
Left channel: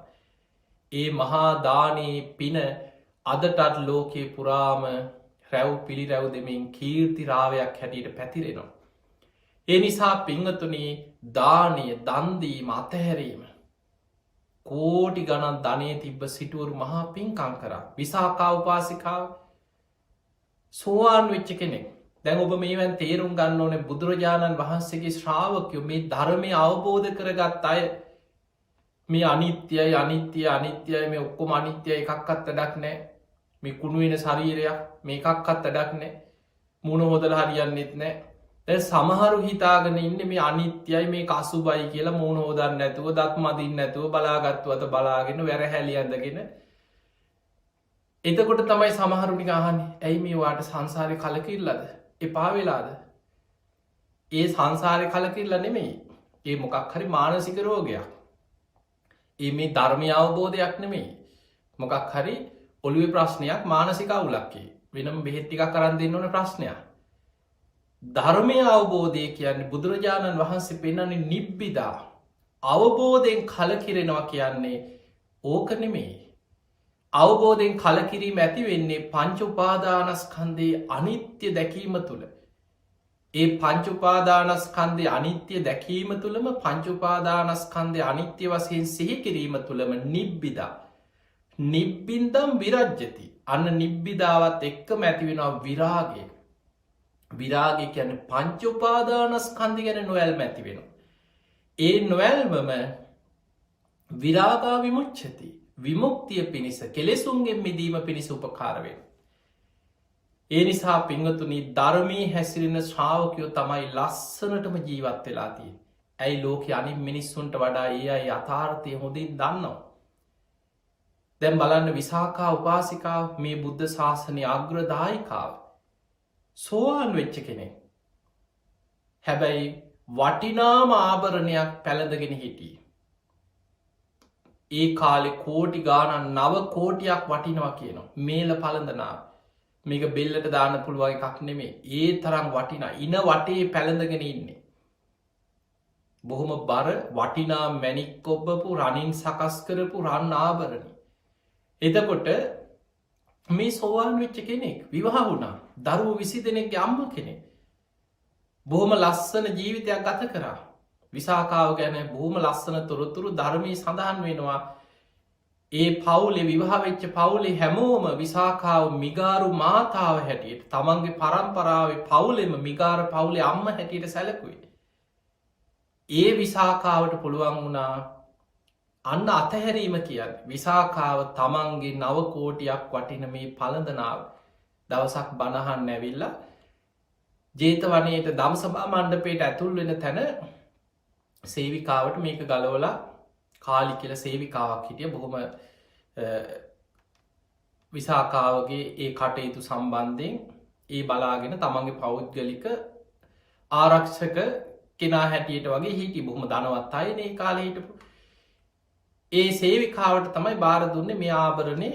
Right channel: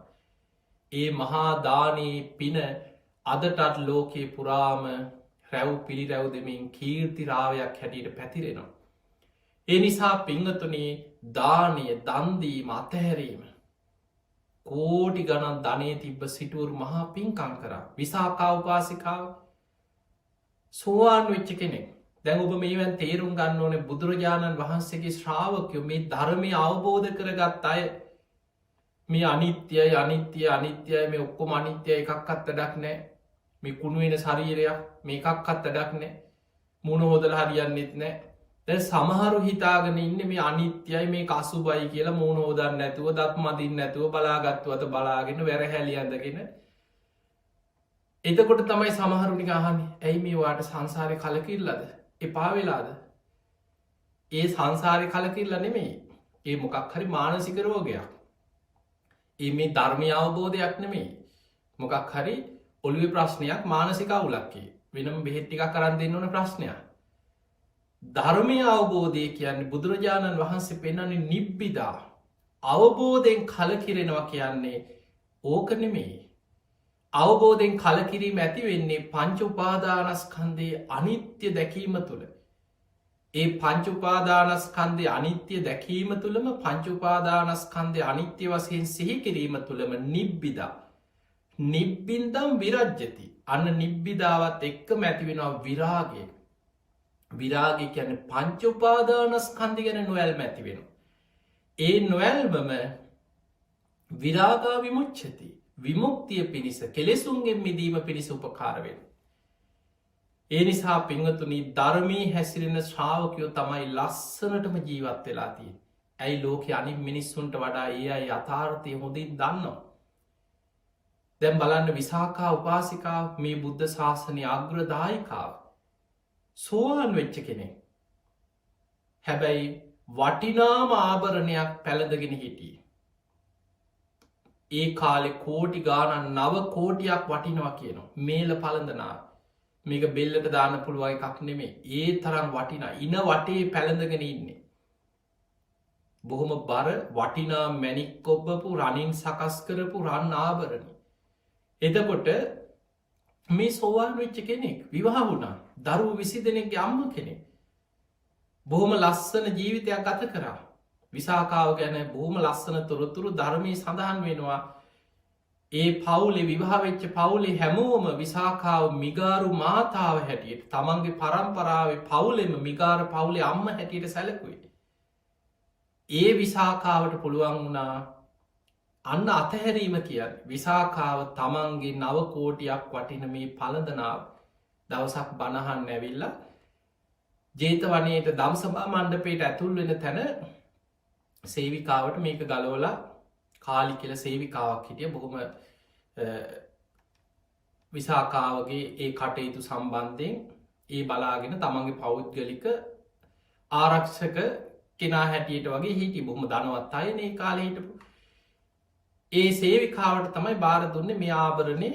ඒ මහාදානී පින අදටත් ලෝකයේ පුරාම රැව් පිළි රැව් දෙමින් කීර්තිරාවයක් හැටියට පැතිරෙනවා. ඒ නිසා පිංහතුනී දානය දන්දීම අතහැරීම කෝටි ගණන් ධනය තිබ්බ සිටුවරු මහා පින්කං කර විසාකාවපාසිකාව සෝවාන් වෙච්ච කෙනෙක්. දැන් ඔබ මේවැන් තේරුම් ගන්න ඕන බුදුරජාණන් වහන්සේගේ ශ්‍රාවකයෝ මේ ධර්මය අවබෝධ කරගත් අය මේ අනිත්‍යයි අනිත්‍යය අනිත්‍යය මේ ඔක්කොම අනිත්‍යය එකක්කත් අඩක් නෑ මේ කුණුවෙන ශරීරයක් මේකක්කත් අඩක් නෑ මුණ හොදල හරියන්නෙත් නෑ. දැ සමහරු හිතාගෙන ඉන්න මේ අනිත්‍යයි මේ කසුබයි කියලා මූුණ හෝදන්න නැතුව දක් මදින් නැතුව බලාගත්තුවත බලාගෙන වැර හැලියන්දගෙන එතකොට තමයි සමහරුනි අහන්න ඇයි මේවාට සංසාරය කලකිල්ලද එපා වෙලාද. ඒ සංසාරය කලකිල්ල නෙමෙයි ඒ මොකක් හරි මානසික රෝගයක්. ඒ මේ ධර්මය අවබෝධයක් නෙමෙයි මොකක් හරි ඔළුවේ ප්‍රශ්නයක් මානසික අවුලක්කේ වෙනම බෙහෙත්තික කරන්න දෙන්න ඕන ප්‍රශ්නයක්. ධර්මය අවබෝධය කියන්නේ බුදුරජාණන් වහන්සේ පෙන්නන්නේ නිබ්බිදා අවබෝධයෙන් කලකිරෙනවා කියන්නේ ඕක නෙමෙයි. අවබෝධයෙන් කලකිරීම ඇති වෙන්නේ පංච උපාදානස්කන්ධයේ අනිත්‍ය දැකීම තුළ. ඒ පංච උපාදානස්කන්ධයේ අනිත්‍ය දැකීම තුළම පංච උපාදානස්කන්ධයේ අනිත්‍ය වශයෙන් සිහි කිරීම තුළම නිබ්බිදා නිබ්බින්දම් විරජ්‍යති. අන්න නිබ්බිදාවත් එක්කම ඇති වෙනවා විරාගය. විරාගය කියන්නේ පංච උපාදානස්කන්ධය ගැන නොවැල්ම ඇති වෙනවා. ඒ නොවැල්මම විරාගා විමුච්ඡති විමුක්තිය පිණිස කෙලෙසුන්ගෙන් මිදීම පිණිස උපකාරවෙන. ඒ නිසා පිංහතුනි ධර්මී හැසිරෙන ශ්‍රාවකයෝ තමයි ලස්සනටම ජීවත් වෙලාතිය. ඇයි ලෝක අනි මිනිස්සුන්ට වඩා ඒ අයි අතාර්ථය හොඳින් දන්නවා. දැම් බලන්න විසාකා උපාසිකාව මේ බුද්ධ ශාසනය අග්‍රදායිකාව සෝවාන් වෙච්ච කෙනෙ. හැබැයි වටිනාම ආභරණයක් පැළඳගෙන හිටිය. ඒ කාලෙ කෝටි ගානන් නව කෝටියක් වටිනවා කියනවා මේල පළඳනා මේක බෙල්ලට දාන්න පුළුවන් එකක් නෙමේ ඒ තරම් වටිනා ඉන වටේ පැළඳගෙන ඉන්නේ. බොහොම බර වටිනා මැණික් ඔබ්බපු රනින් සකස් කරපු රන් ආභරණ. එතකොට මේ සෝවාන් වෙච්ච කෙනෙක් විවාහ වුණා. දරුවෝ 20 දෙනෙක්ගේ අම්ම කෙනෙක්. බොහොම ලස්සන ජීවිතයක් ගත කරා. විසාකාව ගැන බොහොම ලස්සන තොරතුරු ධර්මයේ සඳහන් වෙනවා. ඒ පවුලේ විවාහ වෙච්ච පවුලේ හැමෝම විසාකාව මිගාරු මාතාව හැටියට තමන්ගේ පරම්පරාවේ පවුලෙම මිගාර පවුලේ අම්ම හැටියට සැලකුවේ. ඒ විසාකාවට පුළුවන් වුණා අන්න අතහැරීම කියන්න. විසාකාව තමන්ගේ 9 කෝටියක් වටින මේ පළඳනාව දවසක් බණහන් ඇවිල්ල ජේතවනයට දම්සභා මණ්ඩපයට ඇතුල් වෙන තැන සේවිකාවට මේක ගලවලා කාලි කියල සේවිකාවක් හිටිය බොහොම විසාකාවගේ ඒ කටයුතු සම්බන්ධයෙන් ඒ බලාගෙන තමන්ගේ පෞද්ගලික ආරක්ෂක කෙනා හැටියට වගේ හිටි බොහොම දනවත් අය ඒ කාලෙ හිටපු ඒ සේවිකාවට තමයි බාර දුන්නේ මේ ආභරණය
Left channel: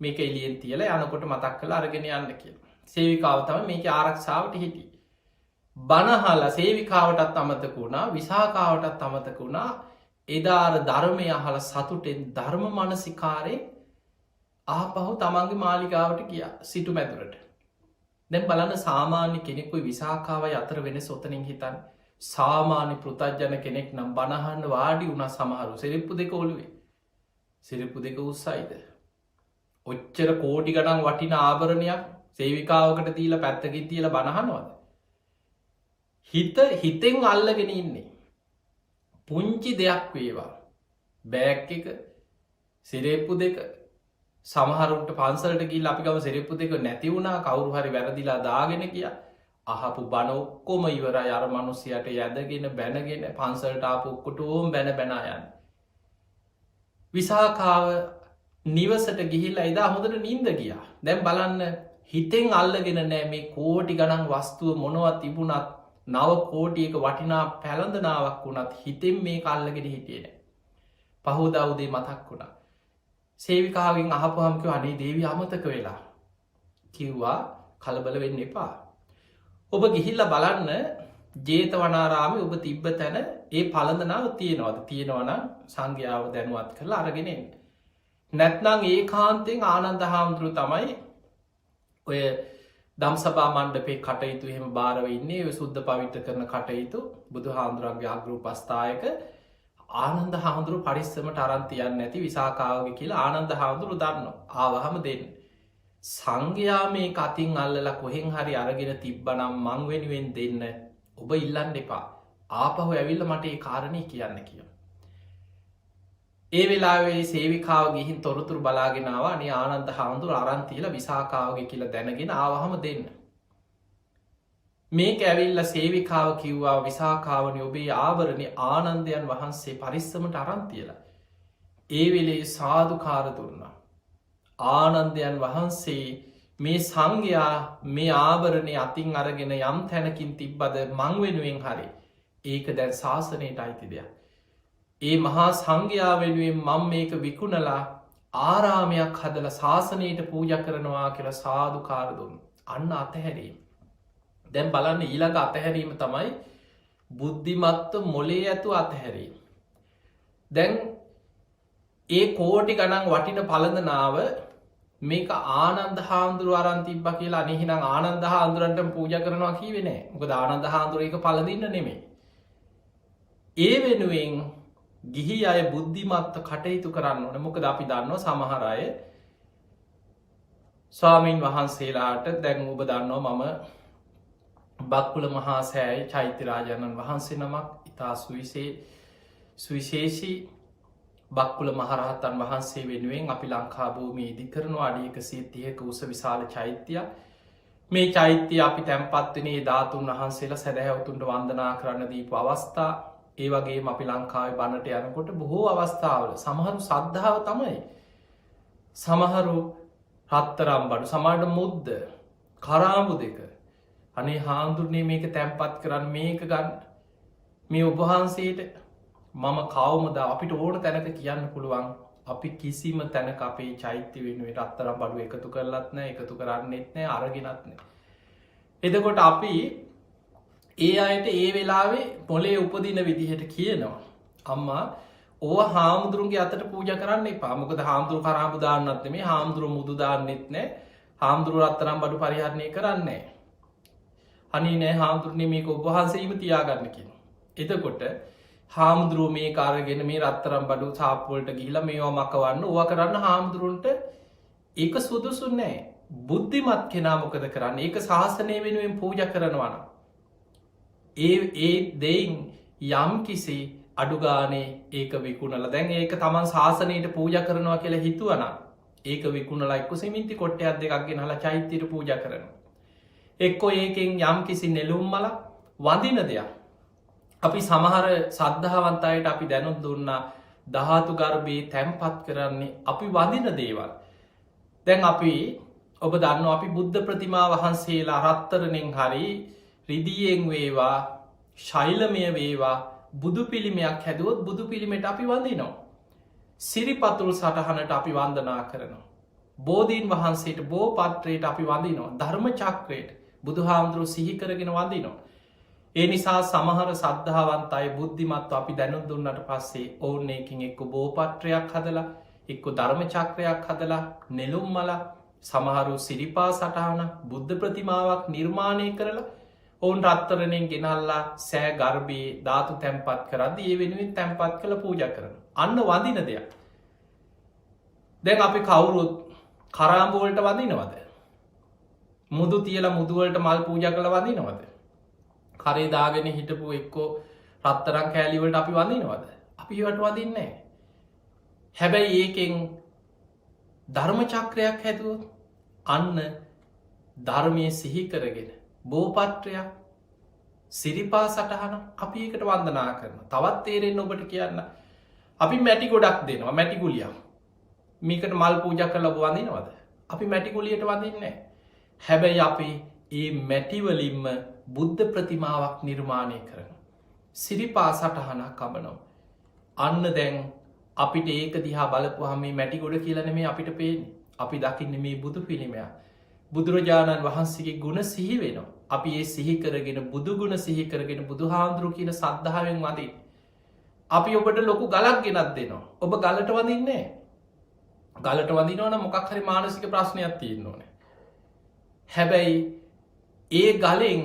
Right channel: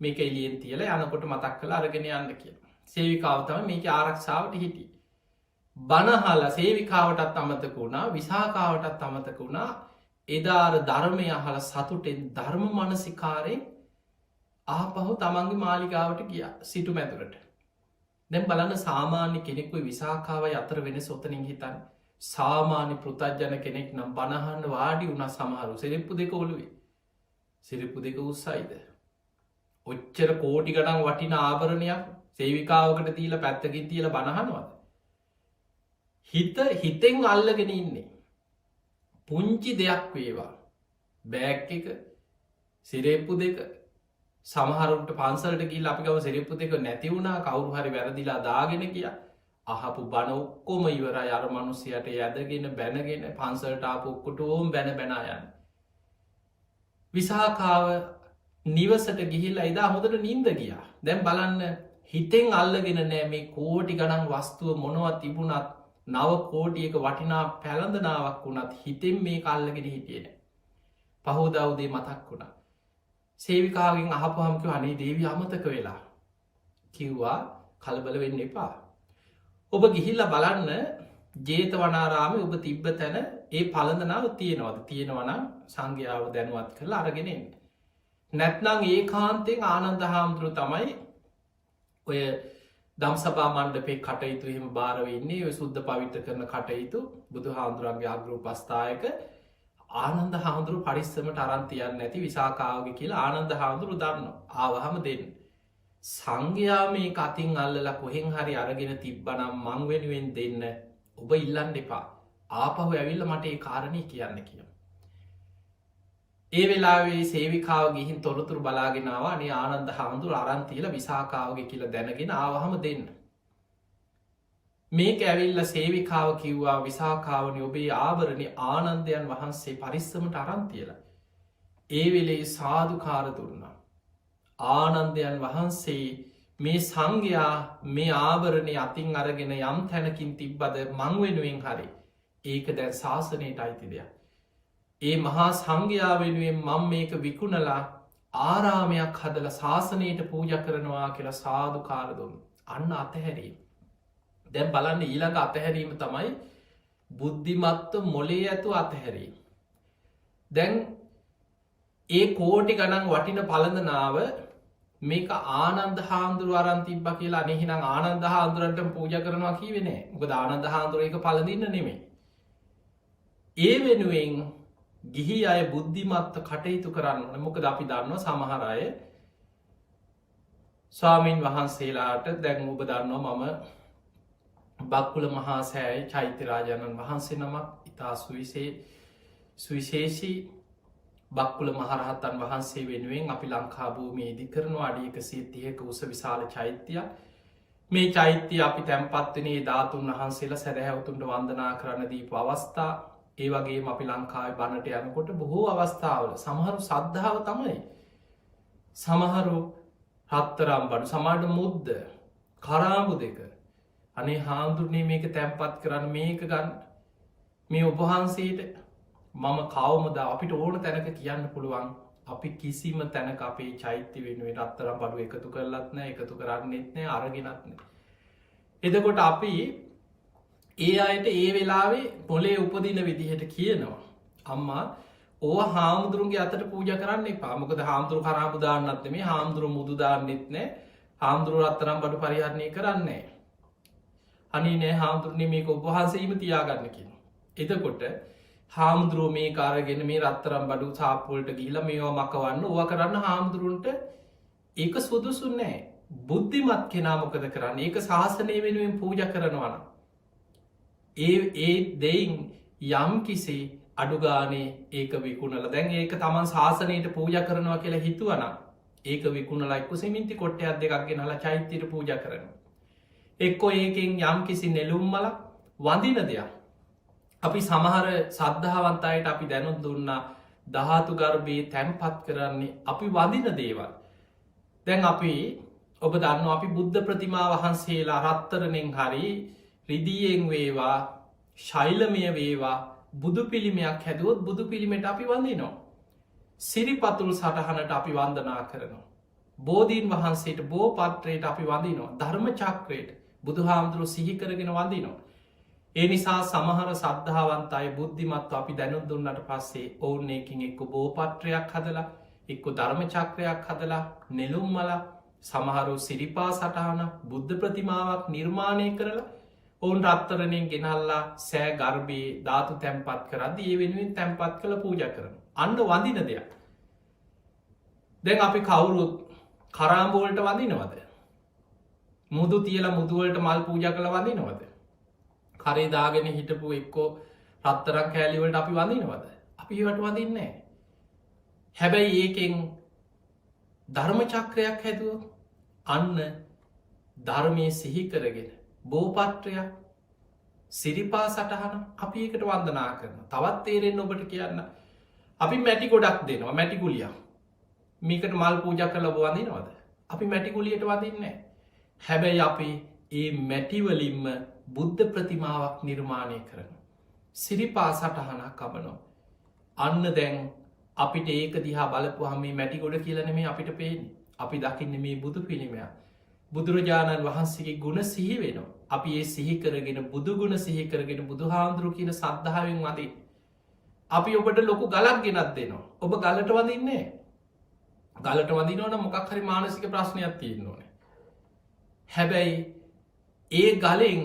මේක එලියෙන් තියල යනකොට මතක් කළ අරගෙන යන්න කියලා. සේවිකාව තම මේක ආරක්ෂාවට හිටි. බණහල සේවිකාවටත් අමතක වුණා විසාකාවටත් අමතක වුණා එදාර ධර්මය අහල සතුටෙන් ධර්ම මනසිකාරයෙන් ආපහු තමන්ගේ මාලිකාවට ගිය සිටු මැදුරට. දැන් බලන්න සාමාන්‍ය කෙනෙකුයි විසාකාවයි අතර වෙන සොතනින් හිතන් සාමාන්‍ය පෘතජ්ජන කෙනෙක් නම් බණහන්න වාඩි වුණ සමහරු සිරිප්පු දෙක ඔළුවේ සිරිප්පු දෙක උත්සයිද. ඔච්චර කෝටි ගණන් වටින ආභරණයක් සේවිකාවකට තිීල පැත්තකින් තියල බණහනවද. හිතෙන් අල්ලගෙන ඉන්නේ. පුංචි දෙයක් වේවා බෑක් එක සිරේප්පු දෙක සමහරුන්ට පන්සලට ගිල් අපි ගව සිරප්පු දෙක නැති වුණා කවුරු හරි වැරදිලා දාගෙන කිය අහපු බණ ඔක්කොම ඉවර අර මනුස්සයට යදගෙන බැනගෙන පන්සලට ආපු ඔක්කොට ඕම් බැන බැනායන්. විසාකාව නිවසට ගිහිල්ල එදා හොඳට නින්ද ගියා. දැම් බලන්න හිතෙන් අල්ලගෙන නෑ මේ කෝටි ගණන් වස්තුව මොනවත් තිබුණත් 9 කෝටියක වටිනා පැළඳනාවක් වුණත් හිතෙන් මේ අල්ලගෙන හිටියන. පහෝදවුදේ මතක් වුණා. සේවිකාවෙන් අහපුහමක අනේ දේවී අමතක වෙලා කිව්වා කලබල වෙන්න එපා. ඔබ ගිහිල්ල බලන්න ජේතවනාරාමි ඔබ තිබ්බ තැන ඒ පළඳනාව තියෙනවද තියෙනවන සංඝ්‍යාව දැනුවත් කරලා අරගෙනෙන්. නැත්නං ඒ කාන්තෙන් ආනන්ද හාමුදුරු තමයි ඔය දම්සභා මණ්ඩපේ කටයුතු එහෙම භාරවෙන්නේ ඔය සුද්ධ පවිත්‍ර කරන කටයුතු බුදු හාමුදුරන්ගේ අග්‍රූපස්ථායක ආනන්ද හාමුදුරු පරිස්සමට අරන්තියන්න ඇති විසාකාවගේ කියලා ආනන්ද හාමුදුරු දන්න ආවහම දෙන්න. සංඝයා මේ කතින් අල්ලලා කොහෙන් හරි අරගෙන තිබ්බනම් මං වෙනුවෙන් දෙන්න ඔබ ඉල්ලන්න එපා. ආපහු ඇවිල්ල මට ඒ කාරණය කියන්න කිය. ඒ වෙලාවේ සේවිකාව ගිහින් තොරතුරු බලාගෙනවා අනේ ආනන්ද හාමුදුරු අරන්තියල විසාකාවගේ කියලා දැනගෙන ආවහම දෙන්න. මේක ඇවිල්ල සේවිකාව කිව්වා විසාකාවන ඔබේ ආවරණය ආනන්දයන් වහන්සේ පරිස්සමට අරන්තියලා. ඒ වෙලේ සාධකාර දුන්නා. ආනන්දයන් වහන්සේ මේ සංඝයා මේ ආභරණය අතින් අරගෙන යම් තැනකින් තිබ්බද මං වෙනුවෙන් හරි ඒක දැන් ශාසනයට අයිති දෙයක්. ඒ මහා සංඝයා වෙනුවෙන් මං මේක විකුණලා ආරාමයක් හදල ශාසනයට පූජ කරනවා කියලා සාධකාර දුන්න. අන්න අතහැරී. දැන් බලන්න ඊළඟ අතහැරීම තමයි බුද්ධිමත්ව මොලේ ඇතු අතහැරීම. දැන් ඒ කෝටි ගණන් වටින පළඳනාව මේක ආනන්ද හාමුදුරු අරන්තිබ්බ කියලා අනෙහිනම් ආනන්ද හාමුදුරන්ට පූජ කරනවා කීවෙන මොකද ආනන්ද හාමුදුර එක පලදින්න නෙමේ. ඒ වෙනුවෙන් ගිහි අය බුද්ධිමත්ව කටයුතු කරන්න ඕන මොකද අපි දන්නවා සමහරය ස්වාමීන් වහන්සේලාට දැන් ඔබ දන්නවා මම බක්කුල මහා සෑයි චෛත්‍යරාජාණන් වහන්සේ නමක් ඉතා සුවිශේෂී බක්කුල මහරහතන් වහන්සේ වෙනුවෙන් අපි ලංකා භූමියේ ඉදි කරනවා අඩි 130ක උස විශාල චෛත්‍යයක්. මේ චෛත්‍යය අපි තැන්පත්වනේ ධාතුන් වහන්සේලා සැදැහැවතුන්ට වන්දනා කරන්න දීපු අවස්ථා ඒ වගේ අපි ලංකාවේ බණට යනකොට බොහෝ අවස්ථාවල සමහරු සද්ධාව තමයි. සමහරු හත්තරම් බඩු සමාට මුද්ද කරාමු දෙක අනේ හාමුදුරනේ මේක තැන්පත් කරන්න මේක ගන්න මේ ඔබහන්සේට මම කවමද අපිට ඕන තැනක කියන්න පුළුවන් අපි කිසිම තැනක අපේ චෛත්‍ය වෙනුවට අත්තරම් බඩු එකතු කරලත් නෑ එකතු කරන්නෙත් නෑ අරගෙනත් නෑ. එදකොට අපි ඒ අයට ඒ වෙලාවේ පොලේ උපදින විදිහට කියනවා අම්මා ඕ හාමුදුරුන්ගේ අතට පූජ කරන්න පාමකද හාමුදුරු කරාපුදාන්නත් මේ හාමුදුරු මුදුදාන්නෙත් නෑ හාමුදුරු රත්තරම් බඩු පරිහරණය කරන්නේ අනි නෑ හාමුදුරණය මේක ඔබහන්සේම තියාගන්න කියන. එතකොට හාමුදුරුව මේ කාරගෙන මේ රත්තරම් බඩු සාප්පොල්ට ගීල මේවා මකවන්න ඕව කරන්න හාමුදුරුන්ට ඒක සුදුසු නෑ බුද්ධිමත් කෙනා මොකද කරන්න ඒක ශාසනය වෙනුවෙන් පූජ කරනවන. ඒ දෙයින් යම් කිසි අඩුගානේ ඒක විකුණල දැන් ඒක තමන් ශාසනයට පූජ කරනවා කියලා හිතුවන ඒක විකුණලා එක්ක සිමින්ති කොට්ටයක් දෙකක් ගෙනල චෛත්‍යයට පූජ කරන. එක්කො ඒකෙන් යම් කිසි නෙලුම්මල වඳින දෙයක්. අපි සමහර සද්ධාවන්තයට අපි දැනුත් දුන්නා දහතු ගර්භයේ තැන්පත් කරන්නේ අපි වඳින දේවල්. දැන් අපි ඔබ දන්න අපි බුද්ධ ප්‍රතිමා වහන්සේලා රත්තරනෙන් හරි රිදියෙන් වේවා ශෛලමය වේවා බුදු පිළිමයක් හැදුවොත් බුදු පිළිමට අපි වඳනවා. සිරිපතුල් සටහනට අපි වන්දනා කරනවා. බෝධීන් වහන්සේට බෝ පත්‍රයට අපි වඳනවා ධර්ම චක්‍රයට බුදු හාමුදුරු සිහිකරගෙන වඳනවා. ඒ නිසා සමහර සද්ධාවන්තයි බුද්ධිමත්ව අපි දැනුත් දුන්නට පස්සේ ඔවුන් එකින් එක්ක බෝපත්‍රයක් හදලා එක්ක ධර්ම චක්‍රයක් හදලා නෙළුම් මල සමහරු සිරිපා සටහන බුද්ධ ප්‍රතිමාවක් නිර්මාණය කරලා ඔවුන් රත්තරණයෙන් ගෙනල්ලා සෑ ගර්භයේ ධාතු තැන්පත් කරද ඒ වෙනුවෙන් තැන්පත් කළ පූජ කරන. අන්න වඳින දෙයක්. දැන් අපි කවුරුත් කරාම්බෝල්ට වඳිනවද. මුදු තියල මුදුවලට මල් පූජ කළ වඳිනවද. කරේ දාගෙන හිටපු එක්කෝ රත්තරං කෑලිවලට අපි වඳිනවද. අපි වට වදින්නේ. හැබැයි ඒකෙන් ධර්ම චක්‍රයක් හැදුව අන්න ධර්මය සිහි කරගෙන බෝපත්‍රයක් සිරිපා සටහන අපි එකට වන්දනා කරන තවත් තේරෙන් ඔබට කියන්න අපි මැටි ගොඩක් දෙනවා මැටිකුලියක් මේකට මල් පූජ කළ වඳිනවද අපි මැටිකුලියට වදින්නේ. හැබැයි අපි ඒ මැටිවලින්ම බුද්ධ ප්‍රතිමාවක් නිර්මාණය කරන සිරිපා සටහනක් කබනෝ අන්න දැන් අපිට ඒක දිහා බලපුහම මේ මැටි ගොඩ කියලන මේ අපිට පේෙන් අපි දකින්න මේ බුදු පිළිමයක් බුදුරජාණන් වහන්සේගේ ගුණ සිහි වෙනවා. අපි ඒ සිහි කරගෙන බුදුගුණ සිහි කරගෙන බුදු හාමුදුරු කියන සද්ධාවෙන් වදී. අපි ඔබට ලොකු ගලක් ගෙනත් දෙනවා. ඔබ ගලට වදින්නේ ගලට වදිනවන මොකක් හරි මානසික ප්‍රශ්නයක් තියෙන්න ඕන. හැබැයි ඒ ගලෙන්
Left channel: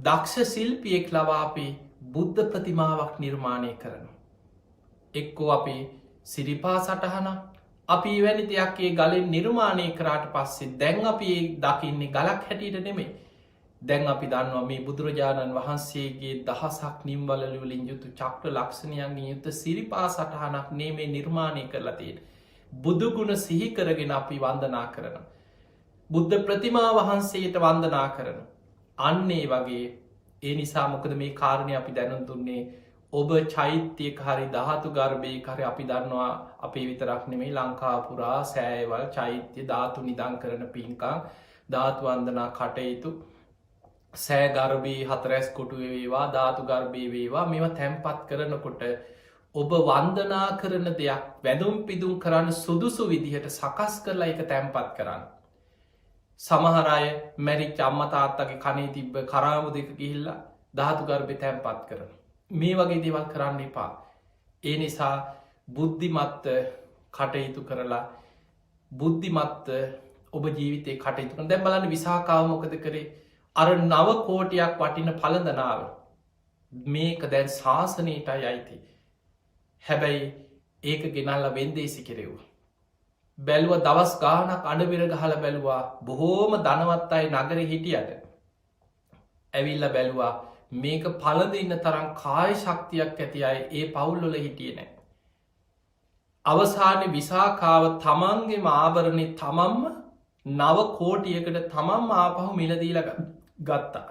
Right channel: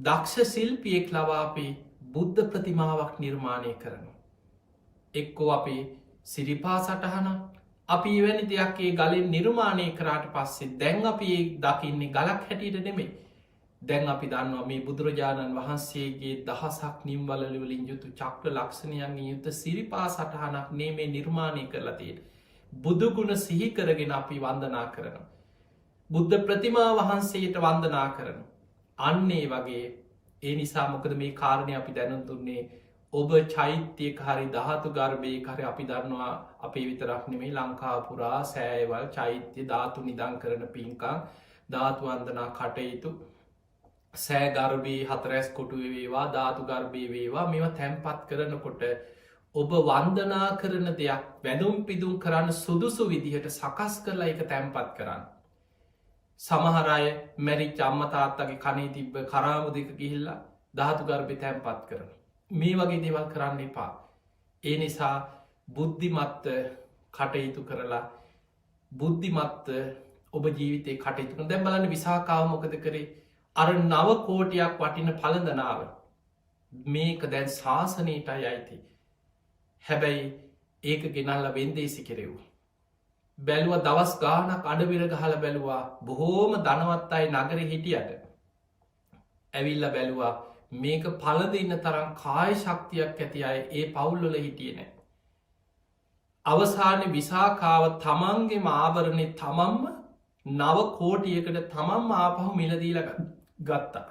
දක්ෂ ශිල්පියෙක් ලවාපි බුද්ධ ප්‍රතිමාවක් නිර්මාණය කරන. එක්කෝ අපි සිරිපා සටහන අපි වැනි දෙයක් ඒ ගලින් නිර්මාණය කරාට පස්සේ දැන් අපි ඒ දකින්නේ ගලක් හැටියට නෙමේ. දැන් අපි දන්නවා මේ බුදුරජාණන් වහන්සේගේ දහසක් නිම්වලලින් යුතු චක්‍ර ලක්ෂණයන්ගේ යුත්ත සිරිපා සටහනක් නේ නිර්මාණය කරලතියට. බුදුගුණ සිහිකරගෙන අපි වන්දනා කරන. බුද්ධ ප්‍රතිමා වහන්සේට වන්දනා කරන. අන්නේ වගේ ඒ නිසා මොකද මේ කාරණය අපි දැනුම් දුන්නේ ඔබ චෛත්‍යයක හරි දහතු ගර්භය කරය අපි දන්නවා අපේ විතරක් නෙමේ ලංකාපුරා සෑවල් චෛත්‍ය ධාතු නිදං කරන පින්කා ධාතු වන්දනා කටයුතු සෑ ගර්භී හතරැස් කොටු වේවා ධාතු ගර්භය වේවා මෙම තැන්පත් කරනකොට ඔබ වන්දනා කරන දෙයක් වැදුම් පිදුම් කරන්න සුදුසු විදිහට සකස් කරලා එක තැන්පත් කරන්න. සමහරය මැරිච් අම්මතාත්තගේ කනේ තිබ්බ කරාමු දෙක ගිහිල්ලා ධාතු ගර්භය තැන්පත් කරන. මේ වගේ දේවල් කරන්න එපා. ඒ නිසා බුද්ධිමත්ත කටයුතු කරලා බුද්ධිමත්ත ඔබ ජීවිතය කටයුතු දැම් බලන්න විසාකාව මොකද කරේ අර නව කෝටියක් වටින පලඳනාව මේක දැන් ශාසනයටයි අයිති. හැබැයි ඒක ගෙනල්ල වෙන්දේසි කෙරෙව්. බැලුව දවස් ගානක් අඩවිර ගහල බැලුවා බොහෝම දනවත් අයි නගර හිටියට ඇවිල්ල බැලුවා මේක පලද ඉන්න තරම් කාය ශක්තියක් ඇති අය ඒ පවුල්ලොල හිටිය නෑ. අවසාන විසාකාව තමන්ගේ ආභරණය තමම්ම නව කෝටියකට තමම් ආපහු මිලදීල ගත්තා.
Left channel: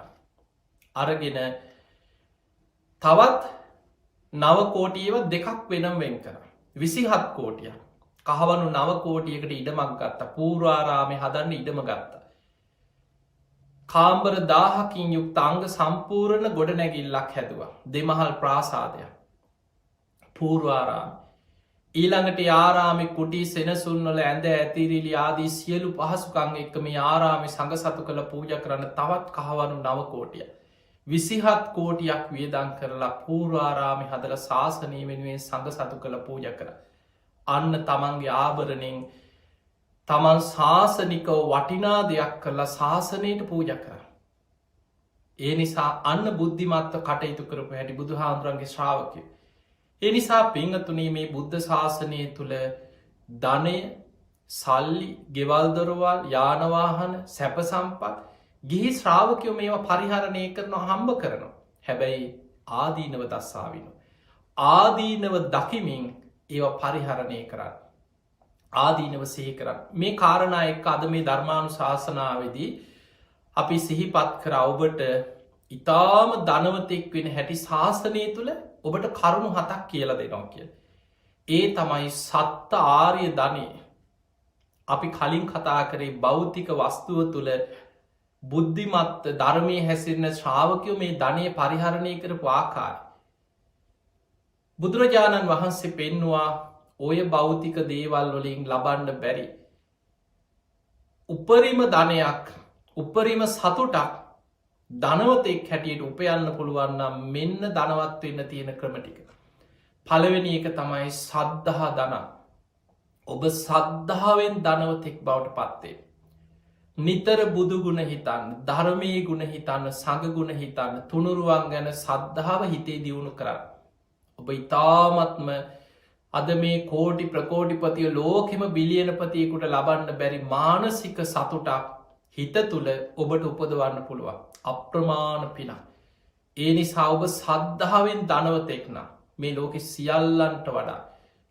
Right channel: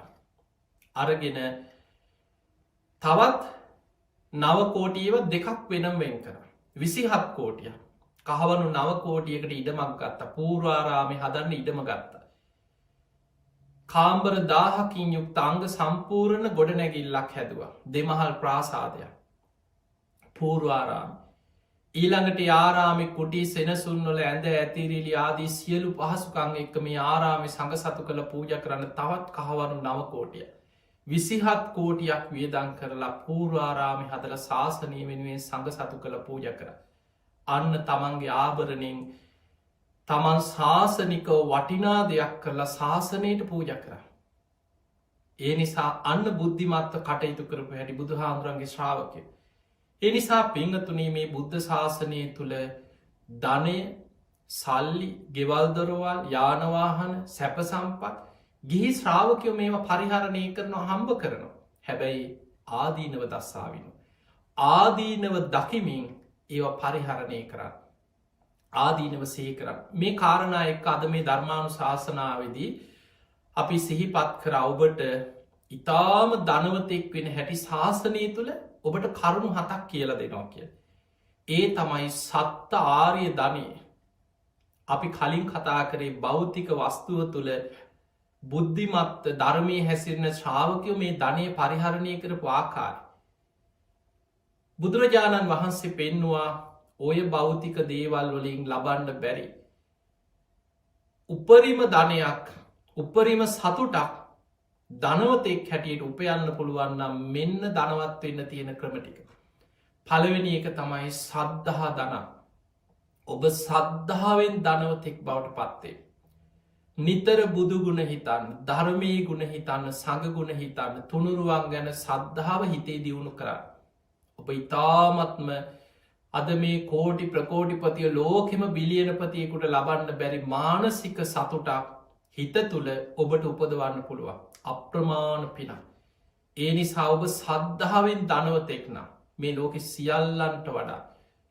අරගෙන තවත් නවකෝටියව දෙකක් වෙනම් වෙන් කර. 27 කෝටිය කහවනු නවකෝටියකට ඉඩමක් ගත්තා පූරාරාමය හදන්න ඉඩම ගත්තා. කාම්බර 1000කින් යුක්ත අංග සම්පූර්ණ ගොඩ නැගිල්ලක් හැදවා දෙමහල් ප්‍රාසාදයක් පූර්වාරාම ඊළඟට ආරාමි කුටි සෙනසුන්නල ඇඳ ඇතිරිලි ආදී සියලු පහසුකං එක්ක මේ ආරාමි සඟ සතු කළ පූජ කරන්න තවත් කහවනු නවකෝටිය 27 කෝටියක් වියදං කරලා පූර්වාරාමි හදල ශාසනය වෙනුවෙන් සඟ සතු කළ පූජ කර. අන්න තමන්ගේ ආභරණෙන් තමන් ශාසනිකව වටිනා දෙයක් කරලා ශාසනයට පූජ කර. ඒ නිසා අන්න බුද්ධිමත්ව කටයුතු කරපු හැටි බුදු හාමුදුරන්ගේ ශ්‍රාවකය. ඒ නිසා පිංහතුනේ මේ බුද්ධ ශාසනය තුළ ධනය සල්ලි ගෙවල්දොරවල් යානවාහන සැප සම්පත් ගිහි ශ්‍රාවකයෝ මේවා පරිහරණය කරනවා හම්බ කරනවා. හැබැයි ආදීනව දස්සාවින. ආදීනව දකිමින් ඒවා පරිහරණය කරන්න. ආදීනව සහි කරන්න. මේ කාරණා එක්ක අද මේ ධර්මානු ශාසනාවේදී අපි සිහිපත් කර ඔබට ඉතාම ධනවතෙක් වෙන හැටි ශාසනය තුළ ඔබට කරුණු 7ක් කියල දෙනවා කිය. ඒ තමයි සත්ත ආර්ය ධනය. අපි කලින් කතා කරේ භෞතික වස්තුව තුළ බුද්ධිමත් ධර්මය හැසිරෙන ශ්‍රාවකයෝ මේ ධනය පරිහරණය කරපු ආකාර. බුදුරජාණන් වහන්සේ පෙන්නවා ඔය භෞතික දේවල් වලින් ලබන්න බැරි. උපරිම ධනයක් උපරිම සතුටක් ධනවතෙක් හැටියට උපයන්න පුළුවන්නම් මෙන්න ධනවත් වෙන්න තියෙන ක්‍රමටික. පළවෙනි එක තමයි සද්ධහා ධන. ඔබ සද්ධාවෙන් ධනවතෙක් බවට පත්වේ. නිතර බුදුගුණ හිතන්න ධර්මී ගුණ හිතන්න සඟගුණ හිතන්න තුනුරුවන් ගැන සද්ධාව හිතේ දියුණු කරන්න. ඔබ ඉතාමත්ම අද මේ කෝටි ප්‍රකෝටිපතිය ලෝකෙම බිලියනපතියකුට ලබන්න බැරි මානසික සතුටක් හිත තුළ ඔබට උපදවන්න පුළුවන්. අප්‍රමාණ පිනක්. ඒ නිසා ඔබ සද්ධාවෙන් ධනවතෙක්න මේ ලෝකෙ සියල්ලන්ට වඩා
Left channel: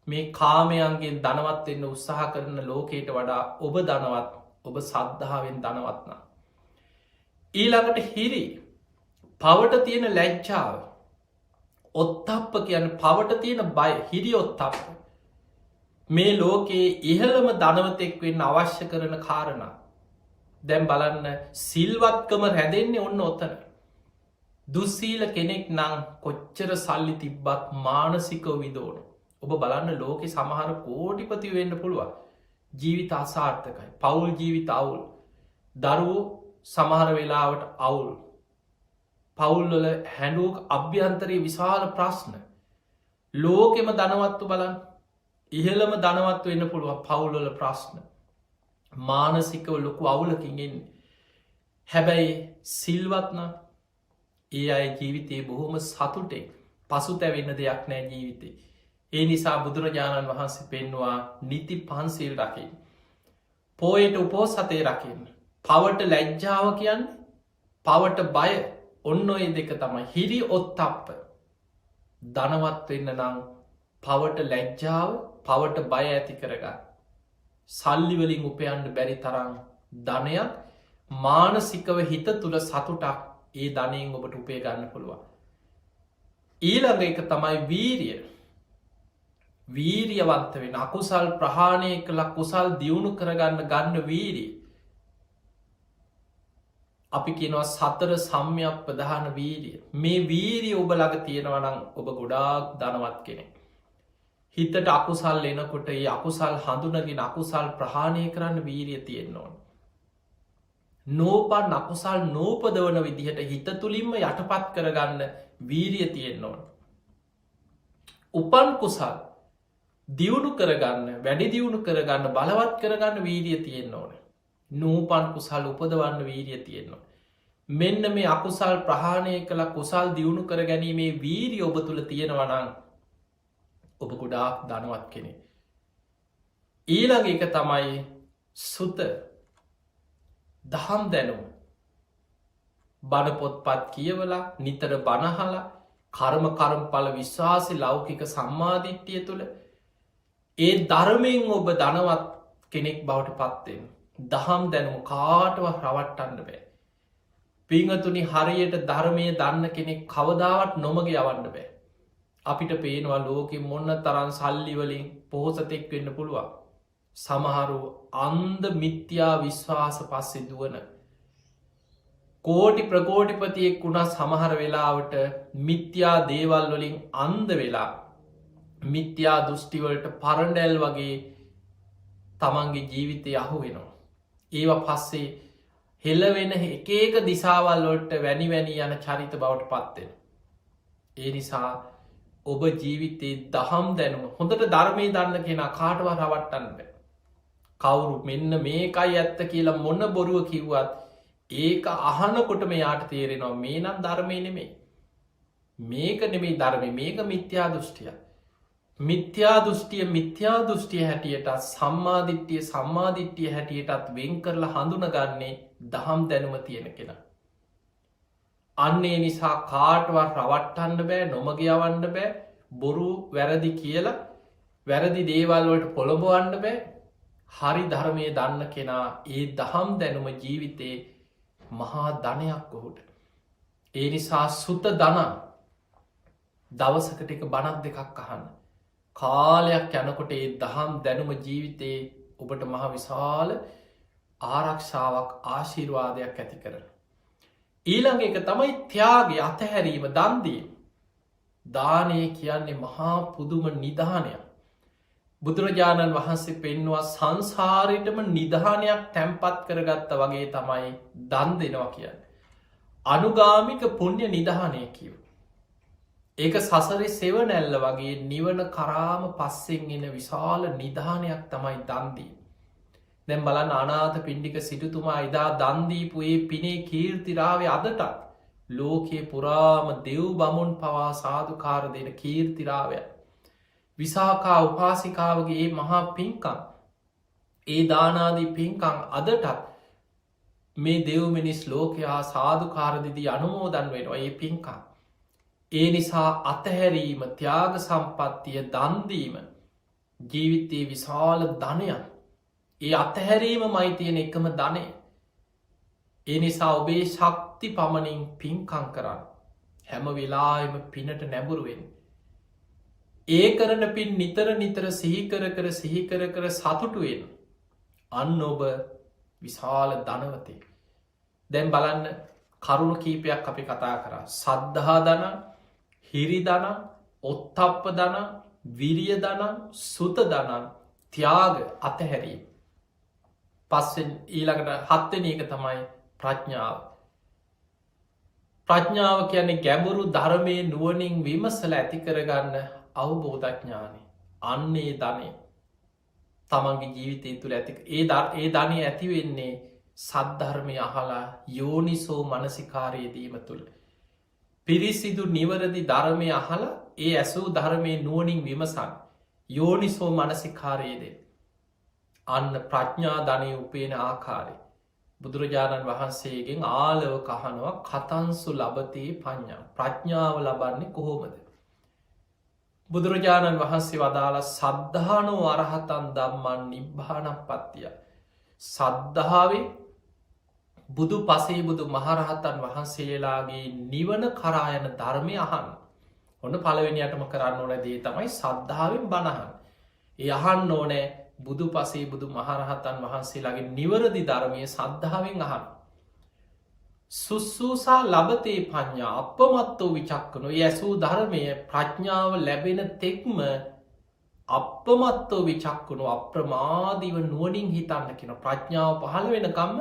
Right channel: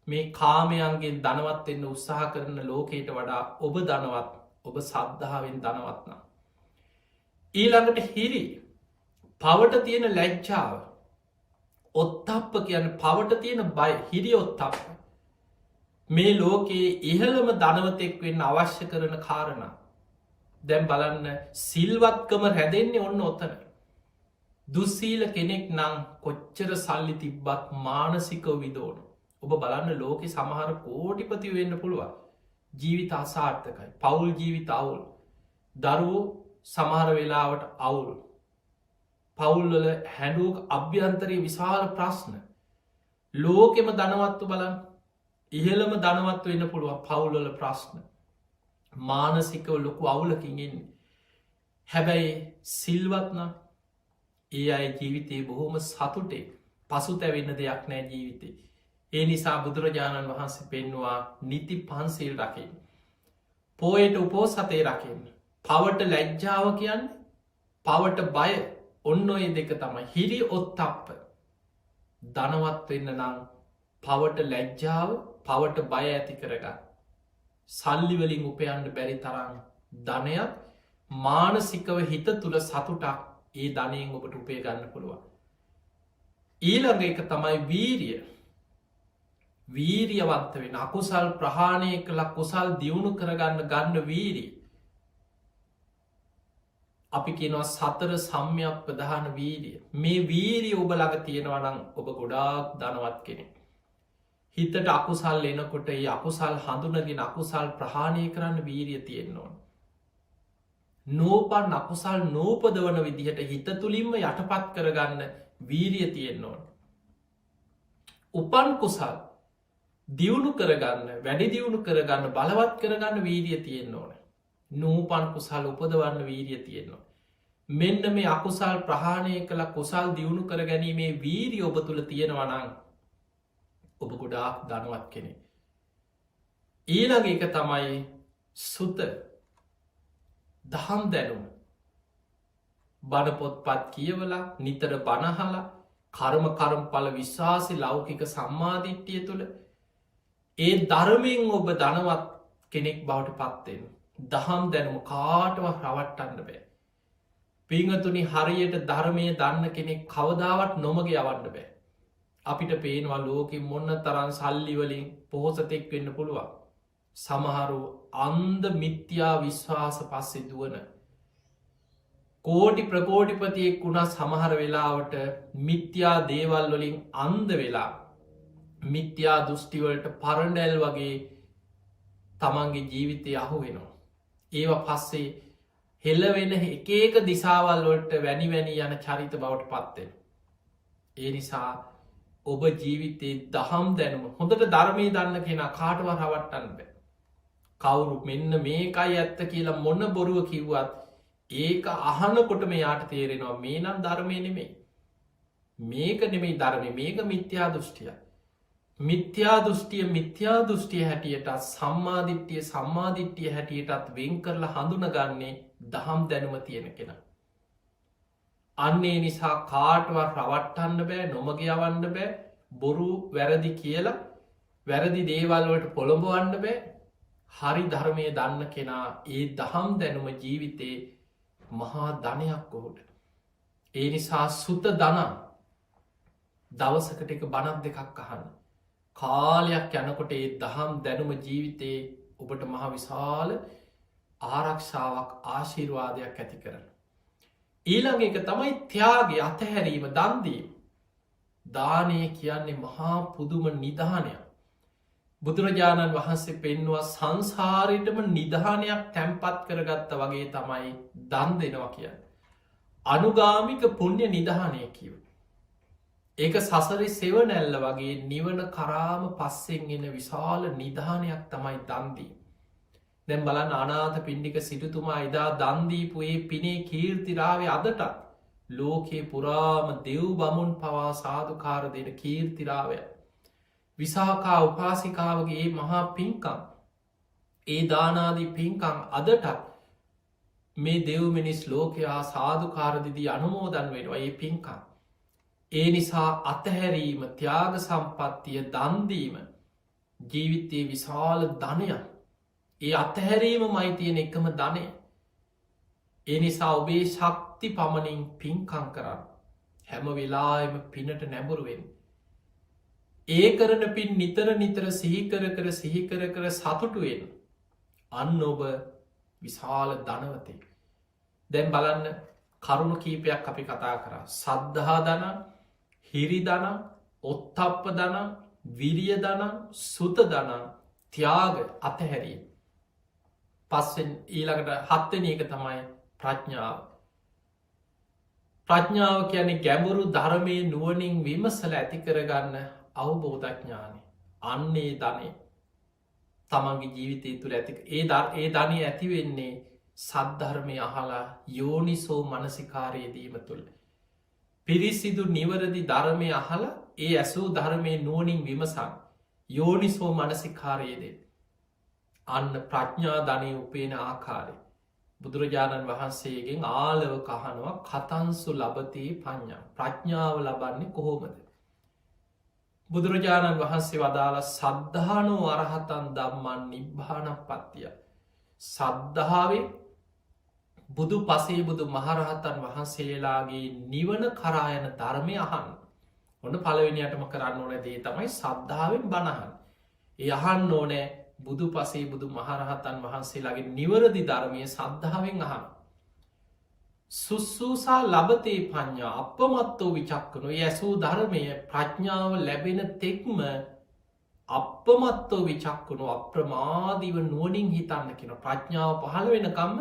මේ කාමයන්ගේ ධනවත්වෙන්න උත්සාහ කරන ලෝකයට වඩා ඔබ ධනවත් ඔබ සද්ධාවෙන් ධනවත්න. ඊළඟට හිරි පවට තියෙන ලැජ්ජාව ඔත්තප්ප කියන පවට තියෙන බය හිරි ඔත්තප්ප මේ ලෝකයේ ඉහළම ධනවතෙක් වෙන්න අවශ්‍ය කරන කාරණ. දැම් බලන්න සිල්වත්කම රැඳෙන්නේ ඔන්න ඔත්තන. දුස්සීල කෙනෙක් නං කොච්චර සල්ලි තිබ්බත් මානසිකව විදෝන. ඔබ බලන්න ලෝකෙ සමහර කෝටිපති වෙන්න පුළුවන්. ජීවිත අසාර්ථකයි පවුල් ජීවිත අවුල් දරුවෝ සමහර වෙලාවට අවුල් පවුල්වල හැඩුවක් අභ්‍යන්තරය විශාල ප්‍රශ්න ලෝකෙම ධනවත්තු බලන් ඉහළම ධනවත්ව වෙන්න පුළුවන් පවුල්වල ප්‍රශ්න මානසිකව ලොකු අවුලකින්ගෙන් හැබැයි සිල්වත්න ඒ අය ජීවිතයේ බොහොම සතුටේ පසු තැවෙන්න දෙයක් නෑ ජීවිතේ. ඒ නිසා බුදුරජාණන් වහන්සේ පෙන්වා නිති පන්සිල් රකින්න. පෝයට උපෝසතය රකින්න. පවට ලැජ්ජාව කියන්න පවට බය ඔන්න ඔය දෙක තමයි හිරි ඔත්තප්ප ධනවත් වෙන්න නං පවට ලැජ්ජාව පවට බය ඇති කරගන්න. සල්ලිවලින් උපයන්න බැරි තරම් ධනයක් මානසිකව හිත තුළ සතුටක් ඒ ධනයෙන් ඔබට උපේ ගන්න පුළුවන්. ඊළඟ එක තමයි වීරිය. වීරියවන්ත වෙන අකුසල් ප්‍රහාණය කළ කුසල් දියුණු කරගන්න ගන්න වීරිය. අපි කියනවා සතර සම්යක් ප්‍රධාන වීරිය. මේ වීරිය ඔබ ළඟ තියෙනවනම් ඔබ ගොඩාක් ධනවත් කෙනෙක්. හිතට අකුසල් එනකොට ඒ අකුසල් හඳුනගෙන අකුසල් ප්‍රහාණය කරන්න වීරිය තියෙන්න ඕන. නෝපන් අකුසල් නෝපදවන විදිහට හිත තුළින්ම යටපත් කරගන්න වීරිය තියෙන්න ඕන. උපන් කුසල් දියුණු කරගන්න වැඩි දියුණු කරගන්න බලවත් කරගන්න වීරිය තියෙන්න ඕන. නූපන් කුසල් උපදවන්න වීරිය තියෙනවා. මෙන්න මේ අකුසල් ප්‍රහාණය කළ කුසල් දියුණු කර ගැනීමේ වීරිය ඔබ තුළ තියෙනවනං ඔබ ගොඩාක් ධනවත් කෙනෙ. ඊළඟ එක තමයි සුත දහම් දැනුම් බණපොත්පත් කියවලා නිතර බණහලා කර්ම කරම්ඵල විශ්වාසි ලෞකික සම්මාධිට්්‍යය තුළ ඒ ධර්මයෙන් ඔබ ධනවත් කෙනෙක් බවට පත්වෙන. දහම් දැනුම කාටව රවට්ටන්න බෑ. පිංහතුනි හරියට ධර්මය දන්න කෙනෙක් කවදාවත් නොමග යවන්න බෑ. අපිට පේනවා ලෝකෙ මොන්න තරන් සල්ලිවලින් පොහොසතෙක් වෙන්න පුළුවන්. සමහරු අන්ද මිත්‍යා විශ්වාස පස්සෙ දුවන. කෝටි ප්‍රකෝටිපතියෙක් වුණා සමහර වෙලාවට මිත්‍යා දේවල් වලින් අන්ද වෙලා මිත්‍යා දෘෂ්ටිවලට පරණැල් වගේ තමන්ගේ ජීවිතය අහු වෙනවා. ඒව පස්සේ හෙල්ලවෙන එක දිසාවල් වලට වැනි වැනි යන චරිත බවට පත්වෙන. ඒ නිසා ඔබ ජීවිතයේ දහම් දැනුම හොඳට ධර්මය දන්න කෙන කාටව රවට්ටන්න බෑ. කවුරු මෙන්න මේකයි ඇත්ත කියලා මොන්න බොරුව කිව්වත් ඒක අහනකොට මෙයාට තේරෙනවා මේ නම් ධර්මය නෙමේ. මේක නෙමේ ධර්මය මේක මිත්‍යා දෘෂ්ටිය. මිත්‍යා දෘෂ්ටිය හැටියට සම්මාධිට්ටිය හැටියටත් වෙන් කරලා හඳුනගන්නේ දහම් දැනුම තියෙන කෙන. අන්නේ නිසා කාටවත් රවට්ටන්න බෑ නොමග යවන්න බෑ බොරු වැරදි කියලා වැරදි දේවල්වලට පොළොඹවන්න බෑ හරි ධර්මය දන්න කෙනා ඒ දහම් දැනුම ජීවිතේ මහා ධනයක් ඔහුට. ඒ නිසා සුත දනන් දවසකට එක බණක් දෙකක් අහන්න. කාලයක් යනකොට ඒ දහම් දැනුම ජීවිතයේ ඔබට මහ විශාල ආරක්ෂාවක් ආශිර්වාදයක් ඇති කරන. ඊළඟ එක තමයි ත්‍යාගේ අතහැරීම දන්දීම. දානය කියන්නේ මහා පුදුම නිධානයක්. බුදුරජාණන් වහන්සේ පෙන්වා සංසාරයටම නිධානයක් තැම්පත් කරගත්ත වගේ තමයි දන් දෙනවා කියන්න. අනුගාමික පුුණ්‍ය නිධානය කිව. ඒක සසරි සෙවනැල්ල වගේ නිවන කරාම පස්සෙන් එන විශාල නිධානයක් තමයි දන්දී. දැම් බලන් අනාත පිණ්ඩික සිටුතුමා එදා දන්දීපුයේ පිනේ කීර්තිරාව අදටත් ලෝකයේ පුරාම දෙව් බමුන් පවා සාධකාර දෙන කීර්තිරාවය. විසාකා උපාසිකාවගේ මහා පින්කම් ඒ දානාදී පින්කම් අදටත් මේ දෙව්මිනිස් ලෝකයා සාධකාරදිදී අනුමෝදන් වෙනවා ඒ පින්කම්. ඒ නිසා අතහැරීම ත්‍යාග සම්පත්තිය දන්දීම ජීවිතයේ විශාල ධනයක්. ඒ අතහැරීම මයි තියෙන එකම ධනය. ඒ නිසා ඔබේ ශක්ති පමණින් පින්කං කරන්න හැම වෙලාම පිනට නැබුරුවෙන්. ඒ කරන පින් නිතර නිතර සිහිකර කර සතුටුවෙන් අන්න ඔබ විශාල ධනවතේ. දැන් බලන්න කරුණු කීපයක් අපි කතා කර සද්ධහා දනන් හිරි දනන් ඔත්තප්ප දනන් විරිය දනන් සුත දනන් ත්‍යාග අතහැරීම. පස්සෙන් ඊළඟට හත්වෙන එක තමයි ප්‍රඥාව. ප්‍රඥාව කියන්නේ ගැඹුරු ධර්මය නුවනින් විමසල ඇති කරගන්න අවබෝධඥානය. අන්නේ ධනය තමන්ගේ ජීවිතය තුළ ඇති ඒ ධනය ඇතිවෙන්නේ සද්ධර්මය අහලා යෝනිසෝ මනසිකාරයේදීම තුළ. පිරිසිදු නිවරදි ධර්මය අහල ඒ ඇසූ ධර්මය නුවනින් විමසන් යෝනිසෝ මනසිකාරයේදේ. අන්න ප්‍රඥා ධනය උපේන ආකාරය. බුදුරජාණන් වහන්සේගෙන් ආලව කහනවා කතන්සු ලබතේ පඥ්ඥා ප්‍රඥාව ලබන්නේ කොහොමද. බුදුරජාණන් වහන්සේ වදාළ සද්ධානෝ අරහතන් දම්මන් නිබ්භානක් පත්තිය. සද්ධාවේ බුදු පසේ බුදු මහරහතන් වහන්සේලාගේ නිවන කරායන ධර්මය අහන්. ඔන්න පළවෙනියටම කරන්න ඕන දේ තමයි සද්ධාවෙන් බණහන්. ඒ අහන්න ඕනෑ බුදු පසේ බුදු මහරහතන් වහන්සේලාගේ නිවරදි ධර්මය සද්ධාවෙන් අහන්. සුස්සූසා ලබතේ පඥ්ඥා අපමත්තෝ විචක්කනු ඇසූ ධර්මය ප්‍රඥාව ලැබෙන තෙක්ම අපමත්තෝ විචක්කුණු අප්‍රමාදීව නුවනින් හිතන්න කෙන ප්‍රඥාව පහළ වෙනකම්ම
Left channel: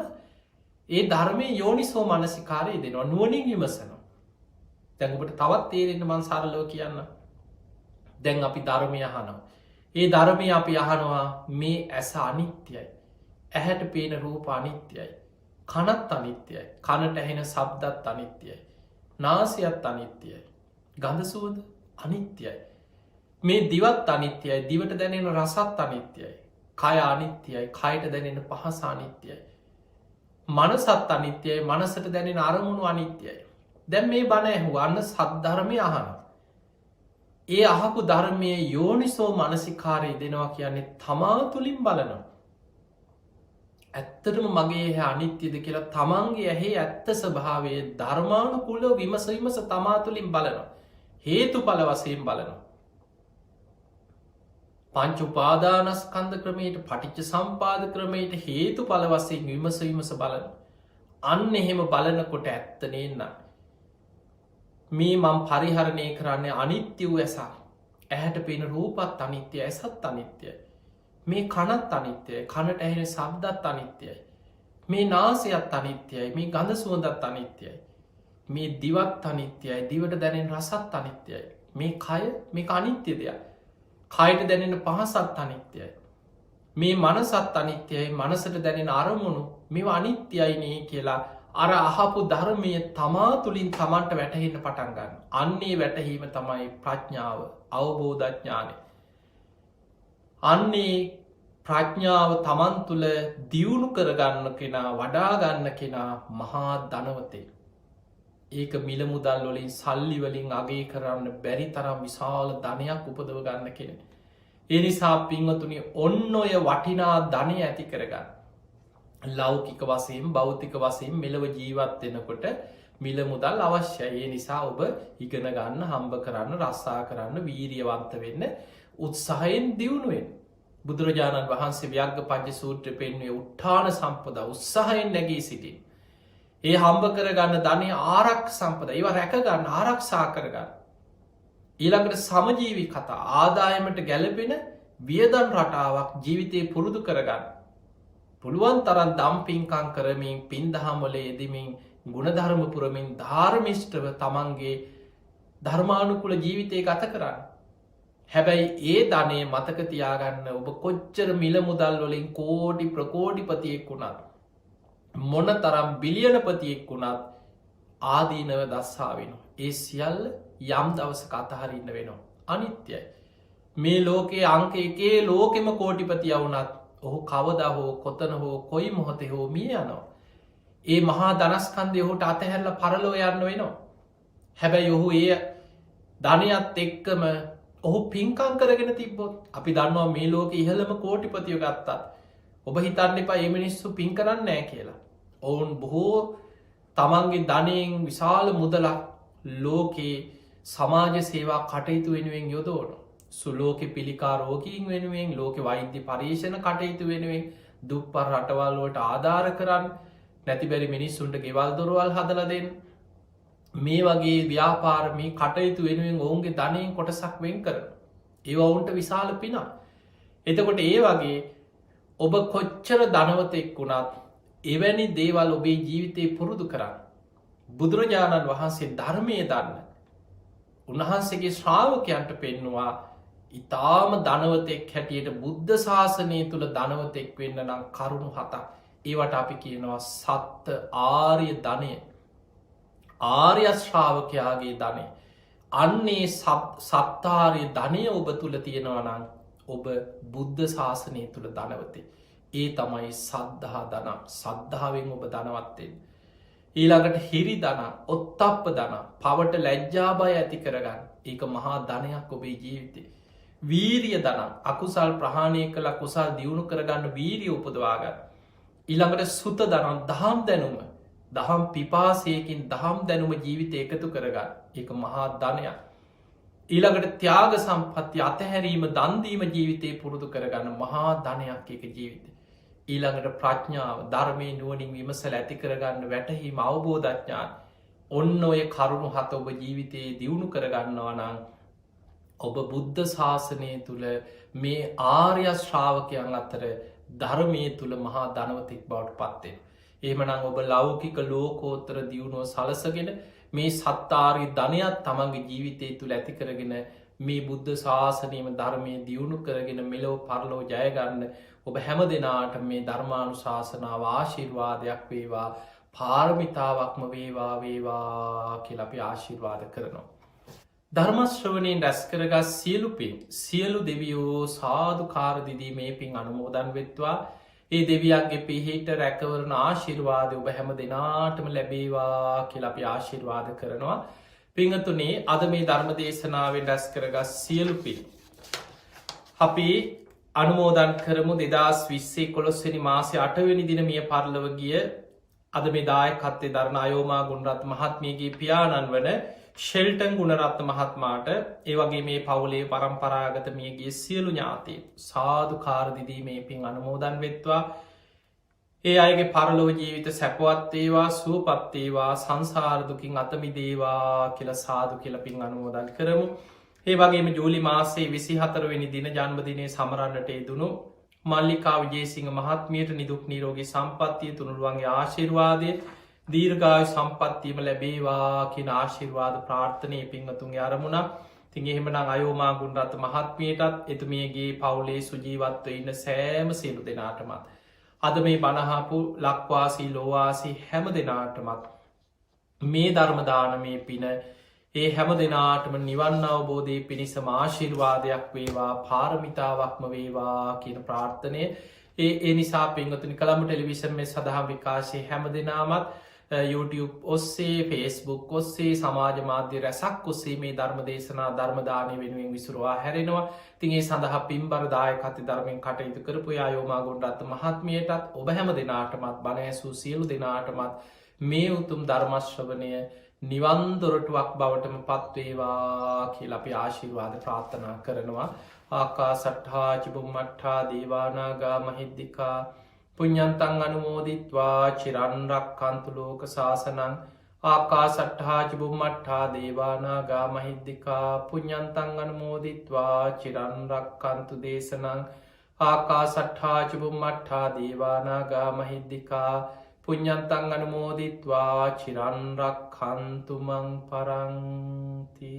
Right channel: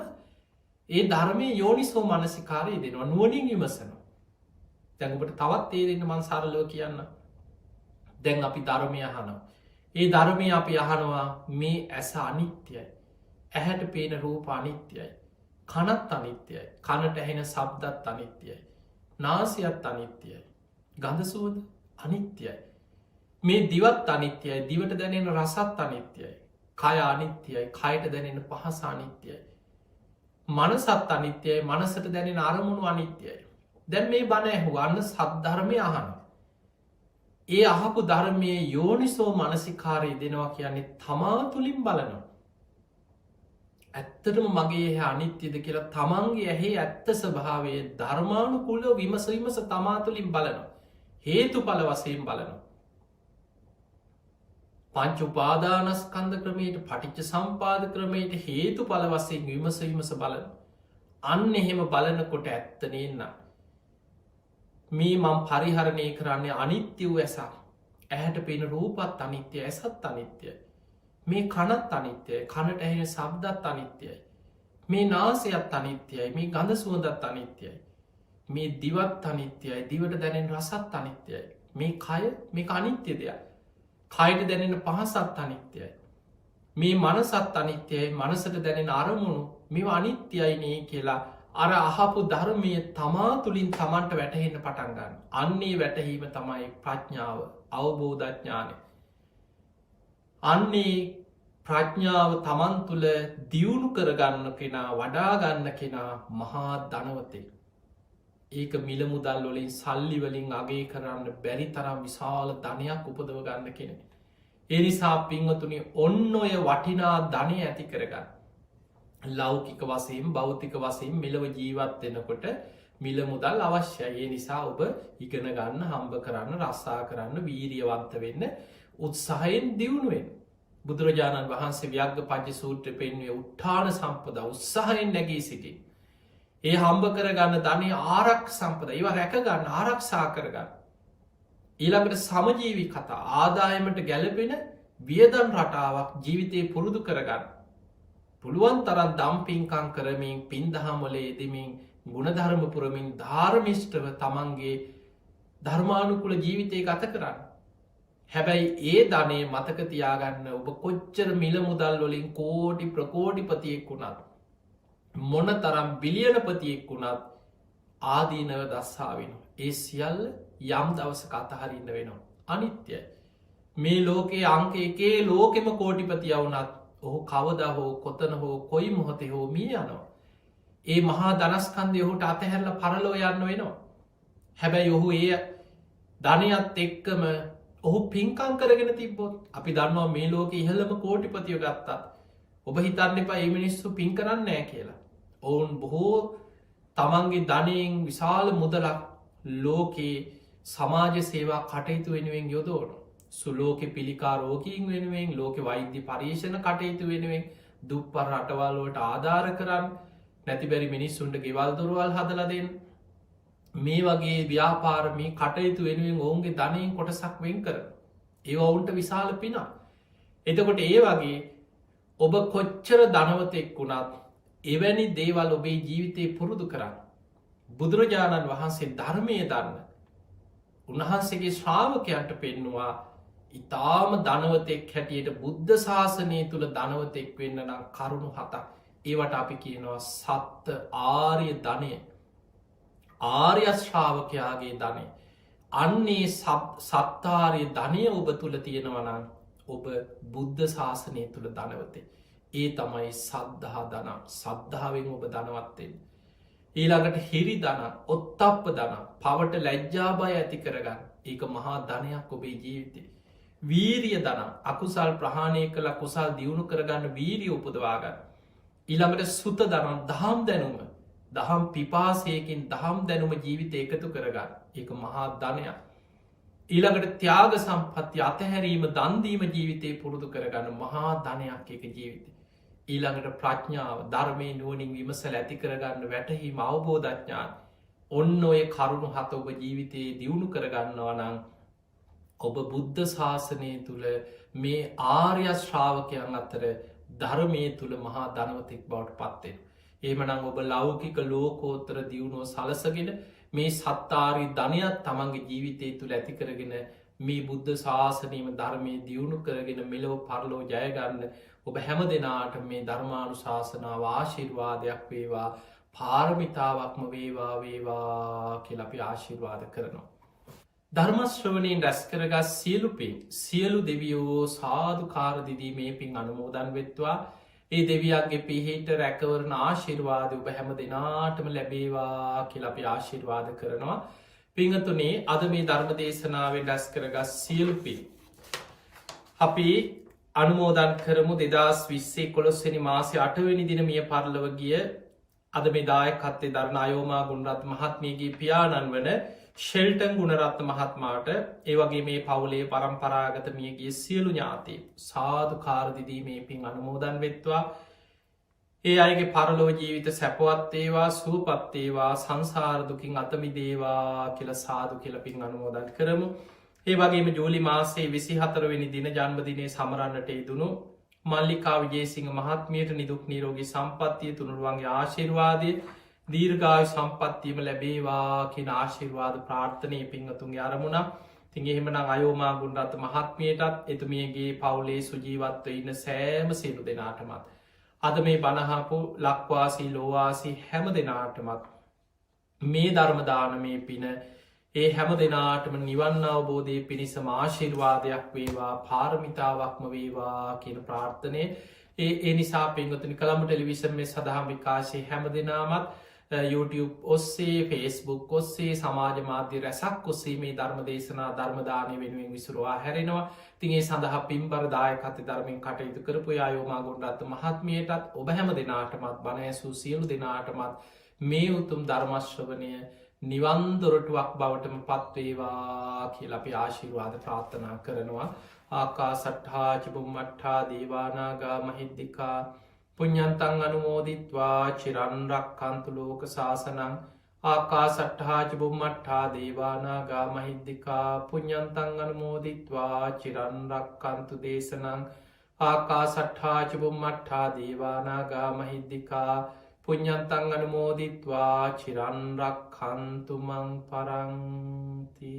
ඒ ධර්මය යෝනිසෝ මනසිකාරය දෙනවා නුවනින් විමසනවා. දැඟුට තවත් තේරෙන්න මන් සරලෝ කියන්න. දැන් අපි ධර්මය අහනවා. ඒ ධර්මය අපි අහනවා මේ ඇස අනිත්‍යයි. ඇහැට පේන රූප අනිත්‍යයි. කනත් අනිත්‍යයි. කනට ඇහෙන සබ්දත් අනිත්‍යයි. නාසයත් අනිත්‍යයි. ගඳසුවද අනිත්‍යයි. මේ දිවත් අනිත්‍යයි. දිවට දැනෙන රසත් අනිත්‍යයි. කය අනිත්‍යයි. කයට දැනෙන පහස අනිත්‍යයි. මනසත් අනිත්‍යයි. මනසට දැනෙන අරමුණු අනිත්‍යයි. දැන් මේ බණ ඇහුවන්න සද්ධර්මය අහන. ඒ අහපු ධර්මය යෝනිසෝ මනසිකාරය දෙනවා කියන්නේ තමා තුළින් බලනවා. ඇත්තටම මගේ හැ අනිත්‍යද කියලා තමන්ගේ ඇහේ ඇත්ත ස්වභාවය ධර්මානුකූලව විමසීමස තමා තුළින් බලනවා. හේතු පල වසයෙන් බලනවා. පංච උපාදානස්කන්ධ ක්‍රමයට පටිච්ච සම්පාද ක්‍රමයට හේතු පල වසයෙන් විමසීමස බලන. අන්න එහෙම බලනකොට ඇත්ත නේන්න. මේ මං පරිහරණය කරන්නේ අනිත්‍ය වූ ඇසා. ඇහැට පෙන රූපත් අනිත්‍ය ඇසත් අනිත්‍යයි. මේ කනත් අනිත්‍යයි. කනට ඇහෙන සබ්දත් අනිත්‍යයි. මේ නාසයත් අනිත්‍යයි, මේ ගඳ සුවඳත් අනිත්‍යයි, මේ දිවත් අනිත්‍යයි, දිවට දැනෙන රසත් අනිත්‍යයි, මේ කය මේ අනිත්‍ය දෙයක්, කයට දැනෙන පහසත් අනිත්‍යයි, මේ මනසත් අනිත්‍යයි, මනසට දැනෙන අරමුණු මේ අනිත්‍යයිනේ කියලා අර අහපු ධර්මය තමා තුළින් තමන්ට වැටහෙන්න පටන් ගන්න. අන්නේ වැටහීම තමයි ප්‍රඥාව, අවබෝධඥානය. අන්නේ ප්‍රඥාව තමන් තුළ දියුණු කරගන්න කෙනා, වඩාගන්න කෙනා මහා ධනවතේ. ඒක මිල මුදල් වලින්, සල්ලි වලින් අගේ කරන්න බැරි තරම් විශාල ධනයක් උපදව ගන්න කෙනෙ. ඒ නිසා පින්වතුනි, ඔන්න ඔය වටිනා ධනය ඇති කරගන්න. ලෞකික වශයෙන්, භෞතික වශයෙන් මෙලව ජීවත් වෙනකොට මිල මුදල් අවශ්‍යයි. ඒ නිසා ඔබ ඉගෙන ගන්න, හම්බ කරන්න, රස්සා කරන්න, වීරියවන්ත වෙන්න, උත්සාහයෙන් දියුණු වෙන්න. බුදුරජාණන් වහන්සේ ව්‍යග්ගපඤ්ඤ සූත්‍රය පෙන්වුවේ උත්ථාන සම්පදා, උත්සාහයෙන් නැගී සිටින්. ඒ හම්බ කරගන්න ධනය ආරක්ෂ සම්පදා, ඒවා රැකගන්න, ආරක්ෂා කරගන්න. ඊළඟට සමජීවී කතා, ආදායමට ගැලපෙන වියදම් රටාවක් ජීවිතේ පුරුදු කරගන්න. පුළුවන් තරම් දම් පින්කම් කරමින්, පින්දහම් වල යෙදෙමින්, ගුණධර්ම පුරමින්, ධාර්මිෂ්ඨව තමන්ගේ ධර්මානුකූල ජීවිතය ගත කරන්න. හැබැයි ඒ ධනය මතක තියාගන්න, ඔබ කොච්චර මිල මුදල් වලින් කෝටි ප්‍රකෝටිපතියෙක් වුණත්, මොන තරම් බිලියනපතියෙක් වුණත් ආදීනව දස්සා වෙනවා. ඒ සියල්ල යම් දවසක අතහරින්න වෙනවා. අනිත්‍යයි. මේ ලෝකයේ අංක එකේ ලෝකෙම කෝටිපතිය වුණත් ඔහු කවදා හෝ, කොතන හෝ, කොයි මොහොතේ හෝ මිය යනවා. ඒ මහා ධනස්කන්ධය ඔහුට අතහැරලා පරලෝ යන්න වෙනවා. හැබැයි ඔහු ඒ ධනයත් එක්කම ඔහු පින්කම් කරගෙන තිබ්බොත්, අපි දන්නවා මේ ලෝකෙ ඉහළම කෝටිපතිය ගත්තා, ඔබ හිතන්න එපා මේ මිනිස්සු පින් කරන්නේ නැහැ කියලා. ඔවුන් බොහෝ තමන්ගේ ධනයෙන් විශාල මුදලක් ලෝකේ සමාජ සේවා කටයුතු වෙනුවෙන් යොදවන. සුලෝකෙ පිළිකා රෝගීන් වෙනුවෙන්, ලෝකෙ වෛද්‍ය පරීක්ෂණ කටයුතු වෙනුවෙන්, දුප්පත් රටවල් වලට ආධාර කරන්න, නැතිබැරි මිනිස්සුන්ට ගෙවල් දොරවල් හදලා දෙන්න, මේ වගේ ව්‍යාපාර, මේ කටයුතු වෙනුවෙන් ඔවුන්ගේ ධනයෙන් කොටසක් වෙන් කරන. ඒවා ඔවුන්ට විශාල පිනක්. එතකොට ඒ වගේ ඔබ කොච්චර ධනවතෙක් වුණත් එවැනි දේවල් ඔබේ ජීවිතේ පුරුදු කරන්න. බුදුරජාණන් වහන්සේ ධර්මය දන්න, උන්වහන්සේගේ ශ්‍රාවකයන්ට පෙන්නවා, ඉතාම ධනවතෙක් හැටියට බුද්ධ ශාසනය තුළ ධනවතෙක් වෙන්න නම් කරුණු 7ක්. ඒවට අපි කියනවා සත්ත ආර්ය ධනය, ආර්ය ශ්‍රාවකයාගේ ධනය. අන්නේ සත්තාර්ය ධනය ඔබ තුළ තියෙනවා නම් ඔබ බුද්ධ ශාසනය තුළ ධනවතේ. ඒ තමයි සද්ධා ධන. සද්ධාවෙන් ඔබ ධනවත්තේ. ඊළඟට හිරි ධන, ඔත්තප්ප ධන, පවට ලැජ්ජා බය ඇති කරගන්න. ඒක මහා ධනයක් ඔබේ ජීවිතේ. වීරිය ධන, අකුසල් ප්‍රහාණය කළ කුසල් දියුණු කරගන්න වීරිය උපදවාගන්න. ඊළඟට සුත ධන, දහම් දැනුම, දහම් පිපාසයකින් දහම් දැනුම ජීවිත එකතු කරගන්න. ඒක මහා ධනයක්. ඊළඟට ත්‍යාග සම්පත්ති, අතහැරීම, දන්දීම ජීවිතය පුරුදු කරගන්න මහා ධනයක් එක ජීවිතය. ඊළඟට ප්‍රඥාව, ධර්මය නුවණින් විමසලා ඇති කරගන්න වැටහීම, අවබෝධඥාන. ඔන්න ඔය කරුණු 7 ඔබ ජීවිතයේ දියුණු කරගන්නවා නම් ඔබ බුද්ධ ශාසනය තුළ මේ ආර්ය ශ්‍රාවකයන් අතර ධර්මයේ තුළ මහා ධනවතෙක් බවට පත්වෙන. එහෙමනම් ඔබ ලෞකික ලෝකෝත්තර දියුණුව සලසගෙන මේ සත්තාරි ධනයක් තමන්ගේ ජීවිතය තුළ ඇති කරගෙන මේ බුද්ධ ශාසනයම ධර්මය දියුණු කරගෙන මෙලොව පරලෝ ජයගන්න ඔබ හැම දෙනාට මේ ධර්මානු ශාසනාව ආශිර්වාදයක් වේවා, පාරමිතාවක්ම වේවා වේවා කියලා අපි ආශිර්වාද කරනවා. ධර්මශ්‍රවණයෙන් රැස් කරගත් සියලු පින් සියලු දෙවියෝ සාදුකාර දිදී මේ පින් අනුමෝදන් වෙත්වා. ඒ දෙවියන්ගේ පිහිට රැකවරණ ආශිර්වාදය ඔබ හැම දෙනාටම ලැබේවා කියලා අපි ආශිර්වාද කරනවා. පිංහතුනේ, අද මේ ධර්ම දේශනාවෙන් රැස් කරගත් සියලු පින් අපි අනුමෝදන් කරමු. 2020 11 වෙනි මාසේ 8 වෙනි දින මිය පරලොව ගිය අද මේ දායකත්වයේ දරන අයෝමා ගුණරත්න මහත්මියගේ පියාණන් වන ෂෙල්ටන් ගුණරත්න මහත්මයාට, ඒ වගේ මේ පවුලේ පරම්පරාගත මියගිය සියලු ඥාතීන් සාදුකාර දිදී මේ පින් අනුමෝදන් වෙත්වා. ඒ අයගේ පරලොව ජීවිත සැපවත් වේවා, සුවපත් වේවා, සංසාර දුකින් අත මිදේවා කියලා සාදු කියලා පින් අනුමෝදන් කරමු. ඒ වගේම ජූලි මාසයේ 24 වෙනි දින ජන්මදිනයේ සමරන්නට යෙදුණු මල්ලිකා විජේසිංහ මහත්මියට නිදුක් නිරෝගී සම්පත්තිය තුනුරුවන්ගේ ආශිර්වාදය දීර්ඝායු සම්පත්තියම ලැබේවා කියන ආශිර්වාද ප්‍රාර්ථනය පින්වතුන්ගේ අරමුණක්. ඉතින් එහෙමනම් අයෝමා ගුණරත්න මහත්මියටත් එතුමියගේ පවුලේ සුජීවත්ව ඉන්න සෑම සියලු දෙනාටමත් අද මේ බණහපු ලක්වාසී ලෝවාසී හැම දෙනාටමත් මේ ධර්මදානමේ පින ඒ හැම දෙනාටම නිවන් අවබෝධය පිණිසම ආශිර්වාදයක් වේවා පාරමිතාවක්ම වේවා කියන ප්‍රාර්ථනය ඒ නිසා පින්වතුනි කළඹ ටෙලිවිෂන් මේ සඳහා විකාශය හැම දෙනාමත් YouTube ඔස්සේ Facebook ඔස්සේ සමාජ මාධ්‍ය රැසක් ඔස්සේ මේ ධර්ම දේශනා ධර්මදානය වෙනුවෙන් විසුරුවා හැරෙනවා. ඉතින් ඒ සඳහා පින්බර දායකත්වයෙන් ධර්මයෙන් කටයුතු කරපු අයෝමා ගුණරත්න මහත්මියටත් ඔබ හැම දෙනාටමත් බණ ඇසූ සියලු දෙනාටමත් මේ උතුම් ධර්ම ශ්‍රවණය නිවන් දොරටුවක් බවටම පත්වේවා කියලා අපි ආශිර්වාද ප්‍රාර්ථනා කරනවා. ආකාසට්ඨා චුම්මට්ඨා දේවානාගා මහිද්దికා පුඤ්ඤන්තං අනුමෝදිත්වා චිරන් රක්ඛන්තු ලෝක සාසනං. ආකාසට්ඨා චුම්මට්ඨා දේවානාගා මහිද්దికා පුඤ්ඤන්තං අනුමෝදිත්වා චිරන් රක්ඛන්තු දේශනං. ආකාසට්ඨා චුම්මට්ඨා දේවානාගා මහිද්దికා පුඤ්ඤන්තං අනුමෝදිත්වා චිරන් රක්ඛන්තු මං පරන්ති.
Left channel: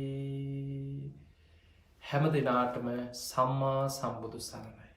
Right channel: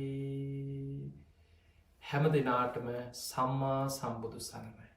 හැම දිනාටම සම්මා සම්බුදු සරණයි.